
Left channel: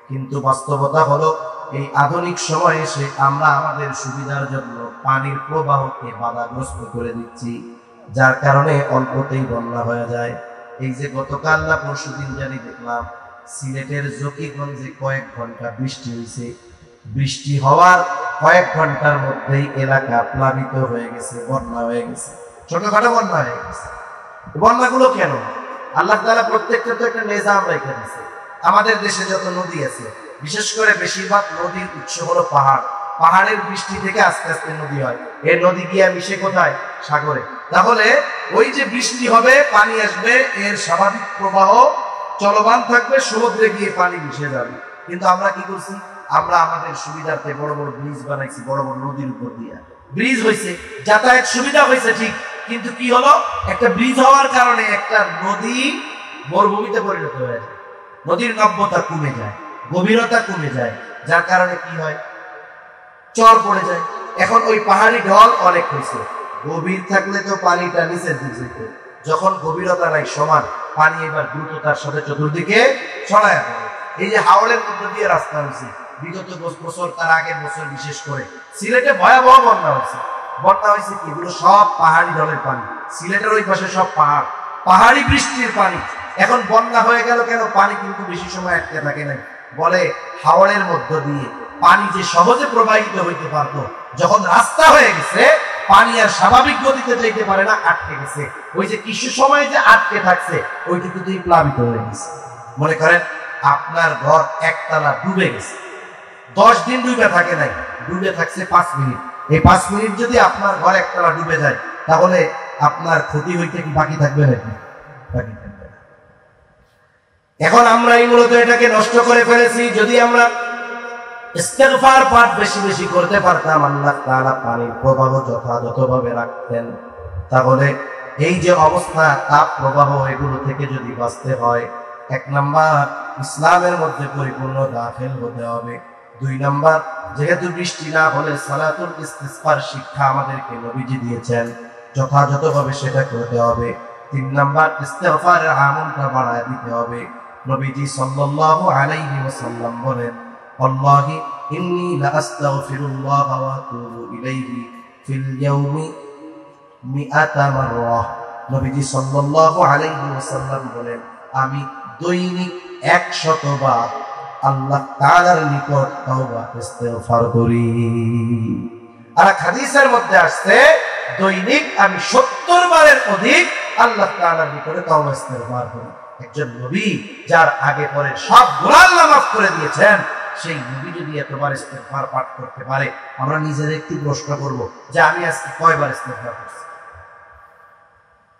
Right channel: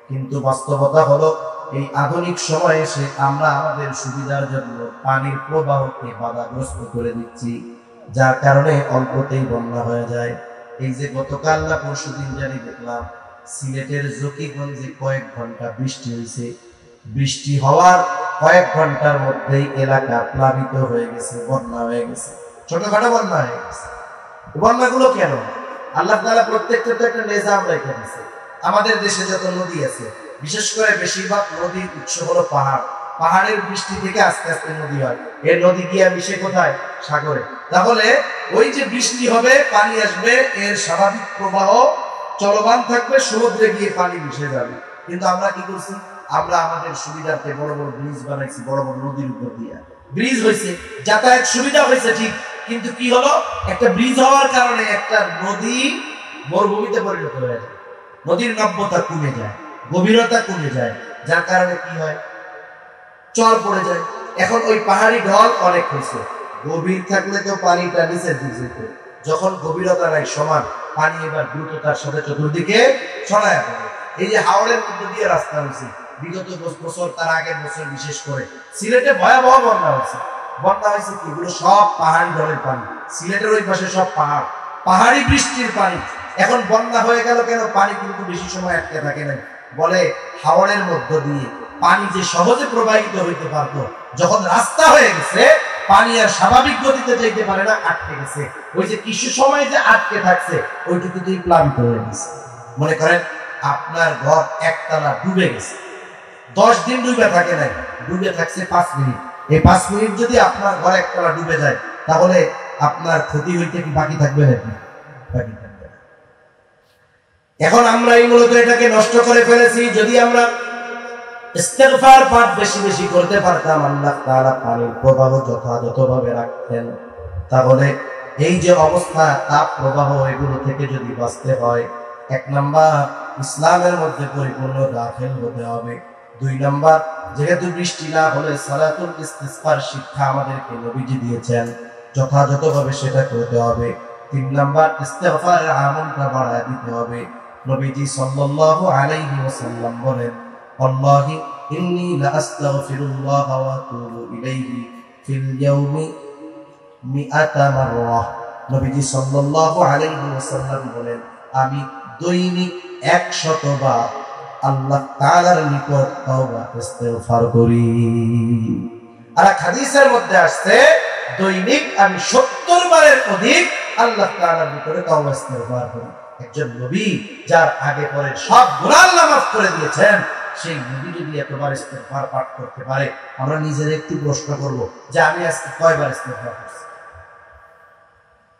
কিন্তু বাস্তবতা হলো এই আধুনিক সময়ে এসে আমরা আমাদের সুবিধার জন্য পানির প্রবাহকে বাধাগ্রস্ত করে দিচ্ছি, যার কারণে অল্পতেই বন্যা হয়ে যায়। এই যে গতকাল না পরশুদিন জানি দেখলাম সিলেটের জকিগঞ্জে কয়েক ঘন্টা বৃষ্টি হয়েছে, বৃষ্টি হওয়ার কয়েক ঘন্টার মধ্যেই এলাকা প্লাবিত হয়ে গেছে, বন্যা হয়ে গেছে, ছোটখাটো বন্যা হয়ে গেছে। বন্যাগুলো কেন? আল্লাহ তাআলা প্রত্যেকটা তো একটা নিজাম রেখে দিয়েছে। আমাদের দেশে যত নদী আছে, বিশেষ করে বেশিরভাগ নদীর উৎস হলো পাহাড়। পাহাড়ের বৃষ্টি থেকে আস্তে আস্তে নদী হয়, এই নদী গিয়ে মিশে কোথায়? সাগরে। তাহলে ওই যে বৃষ্টি হবে, পানি আসবে, এর স্বাভাবিক প্রবাহ চলমান থাকবে, সমুদ্রে গিয়ে পানি মিশে যাবে। কিন্তু আমরা কি করছি? আমরা আমাদের সুবিধার্থে বড় বড় ব্রিজ বানাইছি, বড় বড় নদীর উপর দিয়ে ব্রিজ হয়েছে, যাতায়াত সুবিধা হয়েছে ঠিক, কিন্তু কি হলো? একটা ব্রিজ হওয়ার কারণে একটা নদী মরুভূমিতে পরিণত হয়ে যায়, নদীর নব্যতা কমে যায়, গভীরতা কমে যায়, যার কারণে কি হয়? চর পড়ে যায়। এখন ওই পাহাড়ি ঢল অনেক হয়েছে, গভীর থাকলে তো পানিটা নিচের দিকে, যখন গভীরতা নাই সমান, পানি এবার দ্রুততার সাথে চতুর্দিকে ছড়ায় পড়ে। এই যে হাওড়ের মধ্যে দিয়ে রাস্তা হয়েছে বিগত 10 বছর, তার আগের বছর বিশেষ করে সিলেটে ভয়াবহ বন্যা হয়েছে। বন্যা হয়েছে কি? এগুলো সব পাহাড়ি ঢলের পানি, সিলেটের ওই পাশে সব পাহাড়, পাহাড়ি বৃষ্টির পানি। এখন বন্যা হয়ে গেল কেন? পানি কিন্তু বেশি সময় আটকে থাকে না। বলে হাওড়ের মধ্য দিয়ে পানি যে সহজে প্রবাহিত হইতে পারত, যখন রাস্তা হয়ে গেছে পানি আর স্বাভাবিক গতিতে যেতে পারে না, আটকে গেছে। ওই যে কিছু সময় যে আটকে থাকছে ওইটুকুতেই প্লাবিত হয়ে গেছে। মনে করেন আপনার ঘর একতলা ডুবে গেছে, 10 দিন ডুবে থাকে নাই, ডুবে থাকছে 5 মিনিট। এই 5 মিনিট যদি আপনার ঘর একতলা ডুবে যায়, তাহলে আপনার ক্ষতি হইতে কি বাকি থাকবে নাকি? এখন আমরা এই মূলত এটাকে নষ্ট করে ফেলেছি। যদি আমরা ইস্তিগফার পাঠ বেশি বেশি করতে পারতাম, আল্লাহ তাআলা পানির প্রবাহ যথাযথভাবে রাখতেন, তাহলে এই যে অবস্থা তাপ প্রবাহ এগুলো থেকে যদি বাঁচতে হয়, 1 নাম্বার ইসলামের মধ্যে পরিপূর্ণ দাখিল হতে হবে। 2 নাম্বার, যেহেতু বৃষ্টি না হলে সালাতুল ইস্তিসকার শিক্ষা আমাদেরকে নবীজি দিয়েছেন, যথাযথভাবে সেটা করতে হবে। 3 নাম্বার, ইস্তিগফারের আমলটা বাড়ায় দিতে হবে। নবীজি সাল্লাল্লাহু আলাইহি ওয়াসাল্লাম বলেন, আল্লাহি ইন্নী লা আস্তাগফিরুল্লাহ ওয়া আতুবু ইলাইহি ফিল ইয়াউমি 100 মাররা। নবীজি সাল্লাল্লাহু আলাইহি ওয়াসাল্লাম বলেন, আমি দৈনিক 100 বার আল্লাহ তাআলার নিকট তওবা ইস্তিগফার করি। আর হাদিসের মধ্যে আসছে দৈনিক আমি 70 বারের অধিক আল্লাহ তাআলার নিকটে তওবা ইস্তিগফার করি। একজন নবী যার আগে পরে সব গুনাহ আল্লাহ মাফ করে দিয়েছেন, সেই নবী যদি এতবার ইস্তিগফার পাঠ করতে পারে, আমরা নিজের একটু প্রশ্ন করব যে আমি আজকে কয়বার ইস্তিগফার করছি?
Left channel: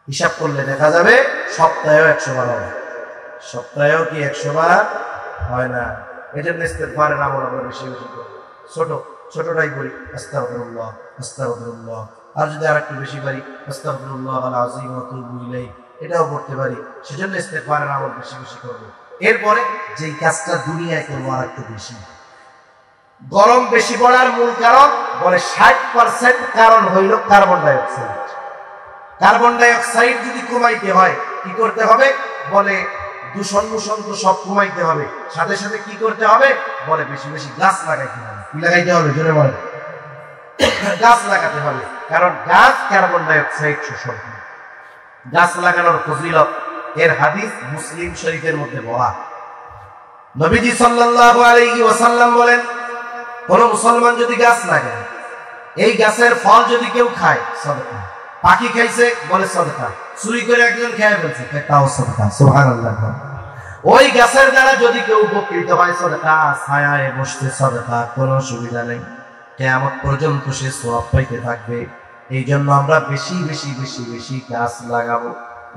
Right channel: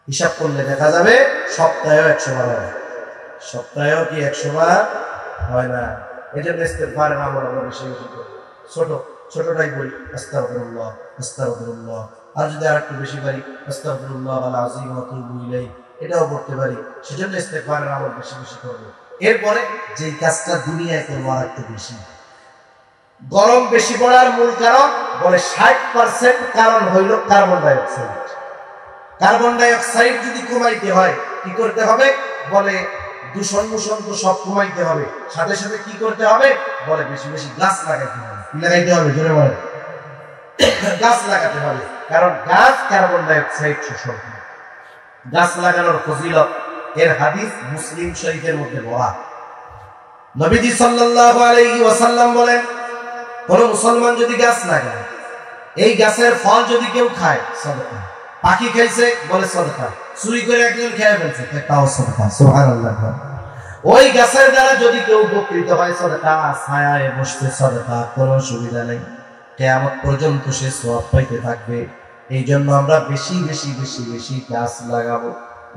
হিসাব করলে দেখা যাবে সপ্তাহে 100 বার হয়। সপ্তাহেও কি 100 বার হয় না? এটা ইস্তিগফারের আমল আমরা বেশি বেশি করি। ছোটটাই বলি আস্তাগফিরুল্লাহ আস্তাগফিরুল্লাহ, আর যদি আরেকটু বেশি পারি আস্তাগফিরুল্লাহ আল আযীম ওয়া আতুবু ইলাইহি, এটাও করতে পারি। সেজন্য ইস্তিগফারের আমল বেশি বেশি করব। এরপরে যেই কাজটা দুনিয়ায় করবো আর একটু বেশি, গরম বেশি পড়ার মূল কারণ বলে 60% কারণ হইল carbon die oxide. Carbon die oxide যদি কমাইতে হয় কি করতে হবে? বলে দূষণ তো সব কমাইতে হবে, সাথে সাথে কি করতে হবে? বলে বেশি বেশি গাছ লাগাইতে হবে। কি লাগাইতে হবে? জোরে বলে। গাছ লাগাতে হবে, কারণ গাছ কার্বন ডাই অক্সাইড শোষণ করে। গাছ লাগানোর ফজিলত এর হাদিস মুসলিম শরীফের মধ্যে বলা। নবীজি সাল্লাল্লাহু আলাইহি ওয়াসাল্লাম বলেন, কোন মুসলমান যদি গাছ লাগায়, এই গাছের ফল যদি কেউ খায় সদকা, পাখি খাইছে বলে সদকা, চুরি করে একজন খেয়ে ফেলছে তাও সদকা, সুবহানাল্লাহ। ওই গাছের দ্বারা যদি কেউ উপকৃত হয় সদকা, ছায়ায় বসতে সদকা, কোনো অসুবিধা নেই, কিয়ামত পর্যন্ত সে সওয়াব পাইতে থাকবে। এই জন্য আমরা বেশি বেশি বেশি বেশি গাছ লাগাবো,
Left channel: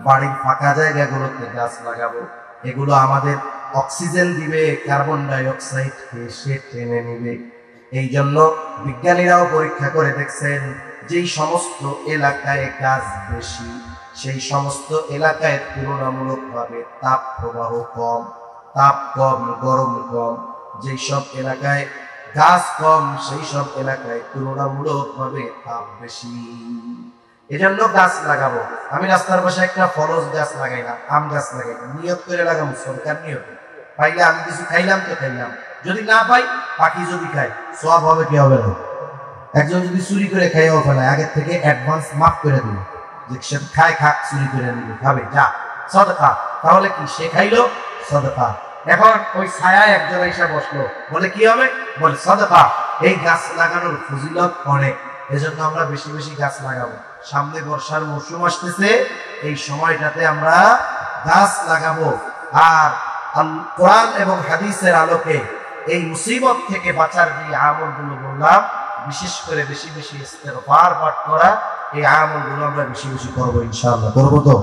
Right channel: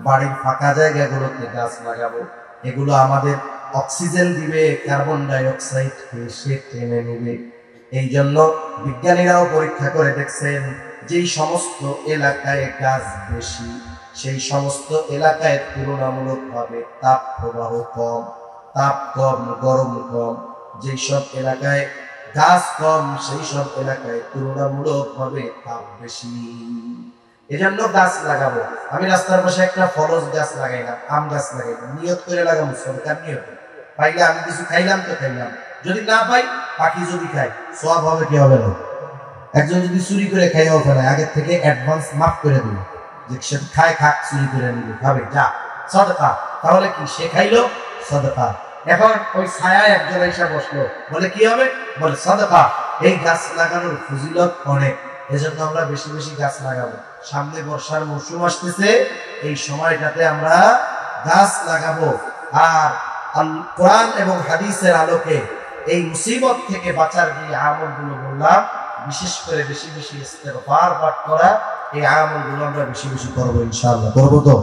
বাড়ির ফাঁকা জায়গাগুলোতে গাছ লাগাবো। এগুলো আমাদের অক্সিজেন দিবে, কার্বন ডাই অক্সাইড সে টেনে নেবে। এই জন্য বিজ্ঞানীরাও পরীক্ষা করে দেখছেন, যেই সমস্ত এলাকায় গাছ বেশি সেই সমস্ত এলাকায় তুলনামূলকভাবে তাপ প্রবাহ কম, তাপ কম, গরম কম। যেই সব এলাকায় গাছ কম সেই সব এলাকায় তুলনামূলকভাবে তাপ বেশি। এজন্য গাছ লাগাবো। আমি রাস্তার পাশে একটা ফলজ গাছ লাগাই না, আম গাছ লাগাই না, নিয়ত করে লাগাবো, সরকার নিয়ত। পাইলে আমি কিছু খাইলাম তো খাইলাম, যদি না পাই পাখি যদি খাই সওয়াব হবে কি হবে না? একজন যদি চুরি করে খাইও ফেলে, আগে থেকে অ্যাডভান্স মাফ করে দিল যে সে খায়, খাক, চুরি করে নিবে, খাবে, যা সদকা। তাহলে কি সে খাইলো সদকা। এখন ওই ছায়ায় একজন এসে বসলো, বলে কি হবে? বলে সদকা। এই গাছ লাগানোর ফজিলত অনেক, এজন্য আমরা বেশি বেশি গাছ লাগাবো। সামনে বর্ষার মৌসুম আসতেছে, এই সময়টাতে আমরা গাছ লাগাবো। আর কোরআন এবং হাদিসের আলোকে এই মুসিবত থেকে বাঁচার যে আমলগুলো বললাম, বিশেষ করে বেশি বেশি ইস্তেগফার পাঠ করা, এই আমলগুলো আমরা বেশি বেশি করবো ইনশাআল্লাহ। করবো তো?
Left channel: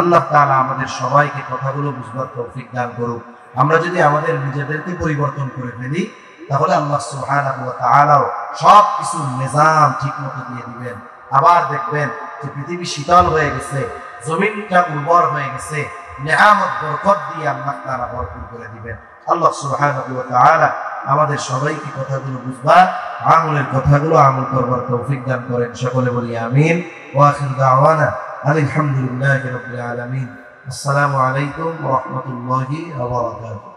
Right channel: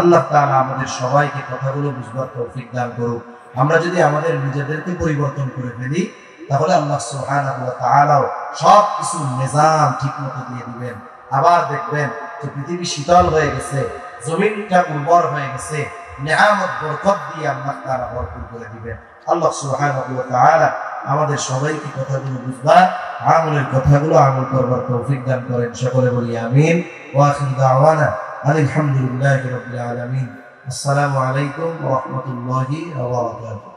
আল্লাহ তাআলা আমাদের সবাইকে কথাগুলো বুঝবার তৌফিক দান করুক। আমরা যদি আমাদের নিজেদেরকে পরিবর্তন করে ফেলি, তাহলে আল্লাহ সুবহানাহু ওয়া তাআলা সব কিছু নিজাম ঠিকমতো দিয়ে দিবেন। আবার দেখবেন যে পৃথিবী শীতল হয়ে গেছে, জমিনটা উর্বর হয়ে গেছে, নিয়ামত বরকত দিয়ে আল্লাহ তাআলা ভরপুর করে দিবেন। আল্লাহ সুবহানাহু ওয়া তাআলা আমাদের সবাইকে কথাগুলো বুঝবার, আমলের কথাগুলো আমল করবার তৌফিক দান করেন। সকলে বলি আমিন। ওয়া আখিরু দাওয়ানা আলহামদুলিল্লাহি রাব্বিল আলামিন। আসসালামু আলাইকুম ওয়া রাহমাতুল্লাহি ওয়া বারাকাতুহু।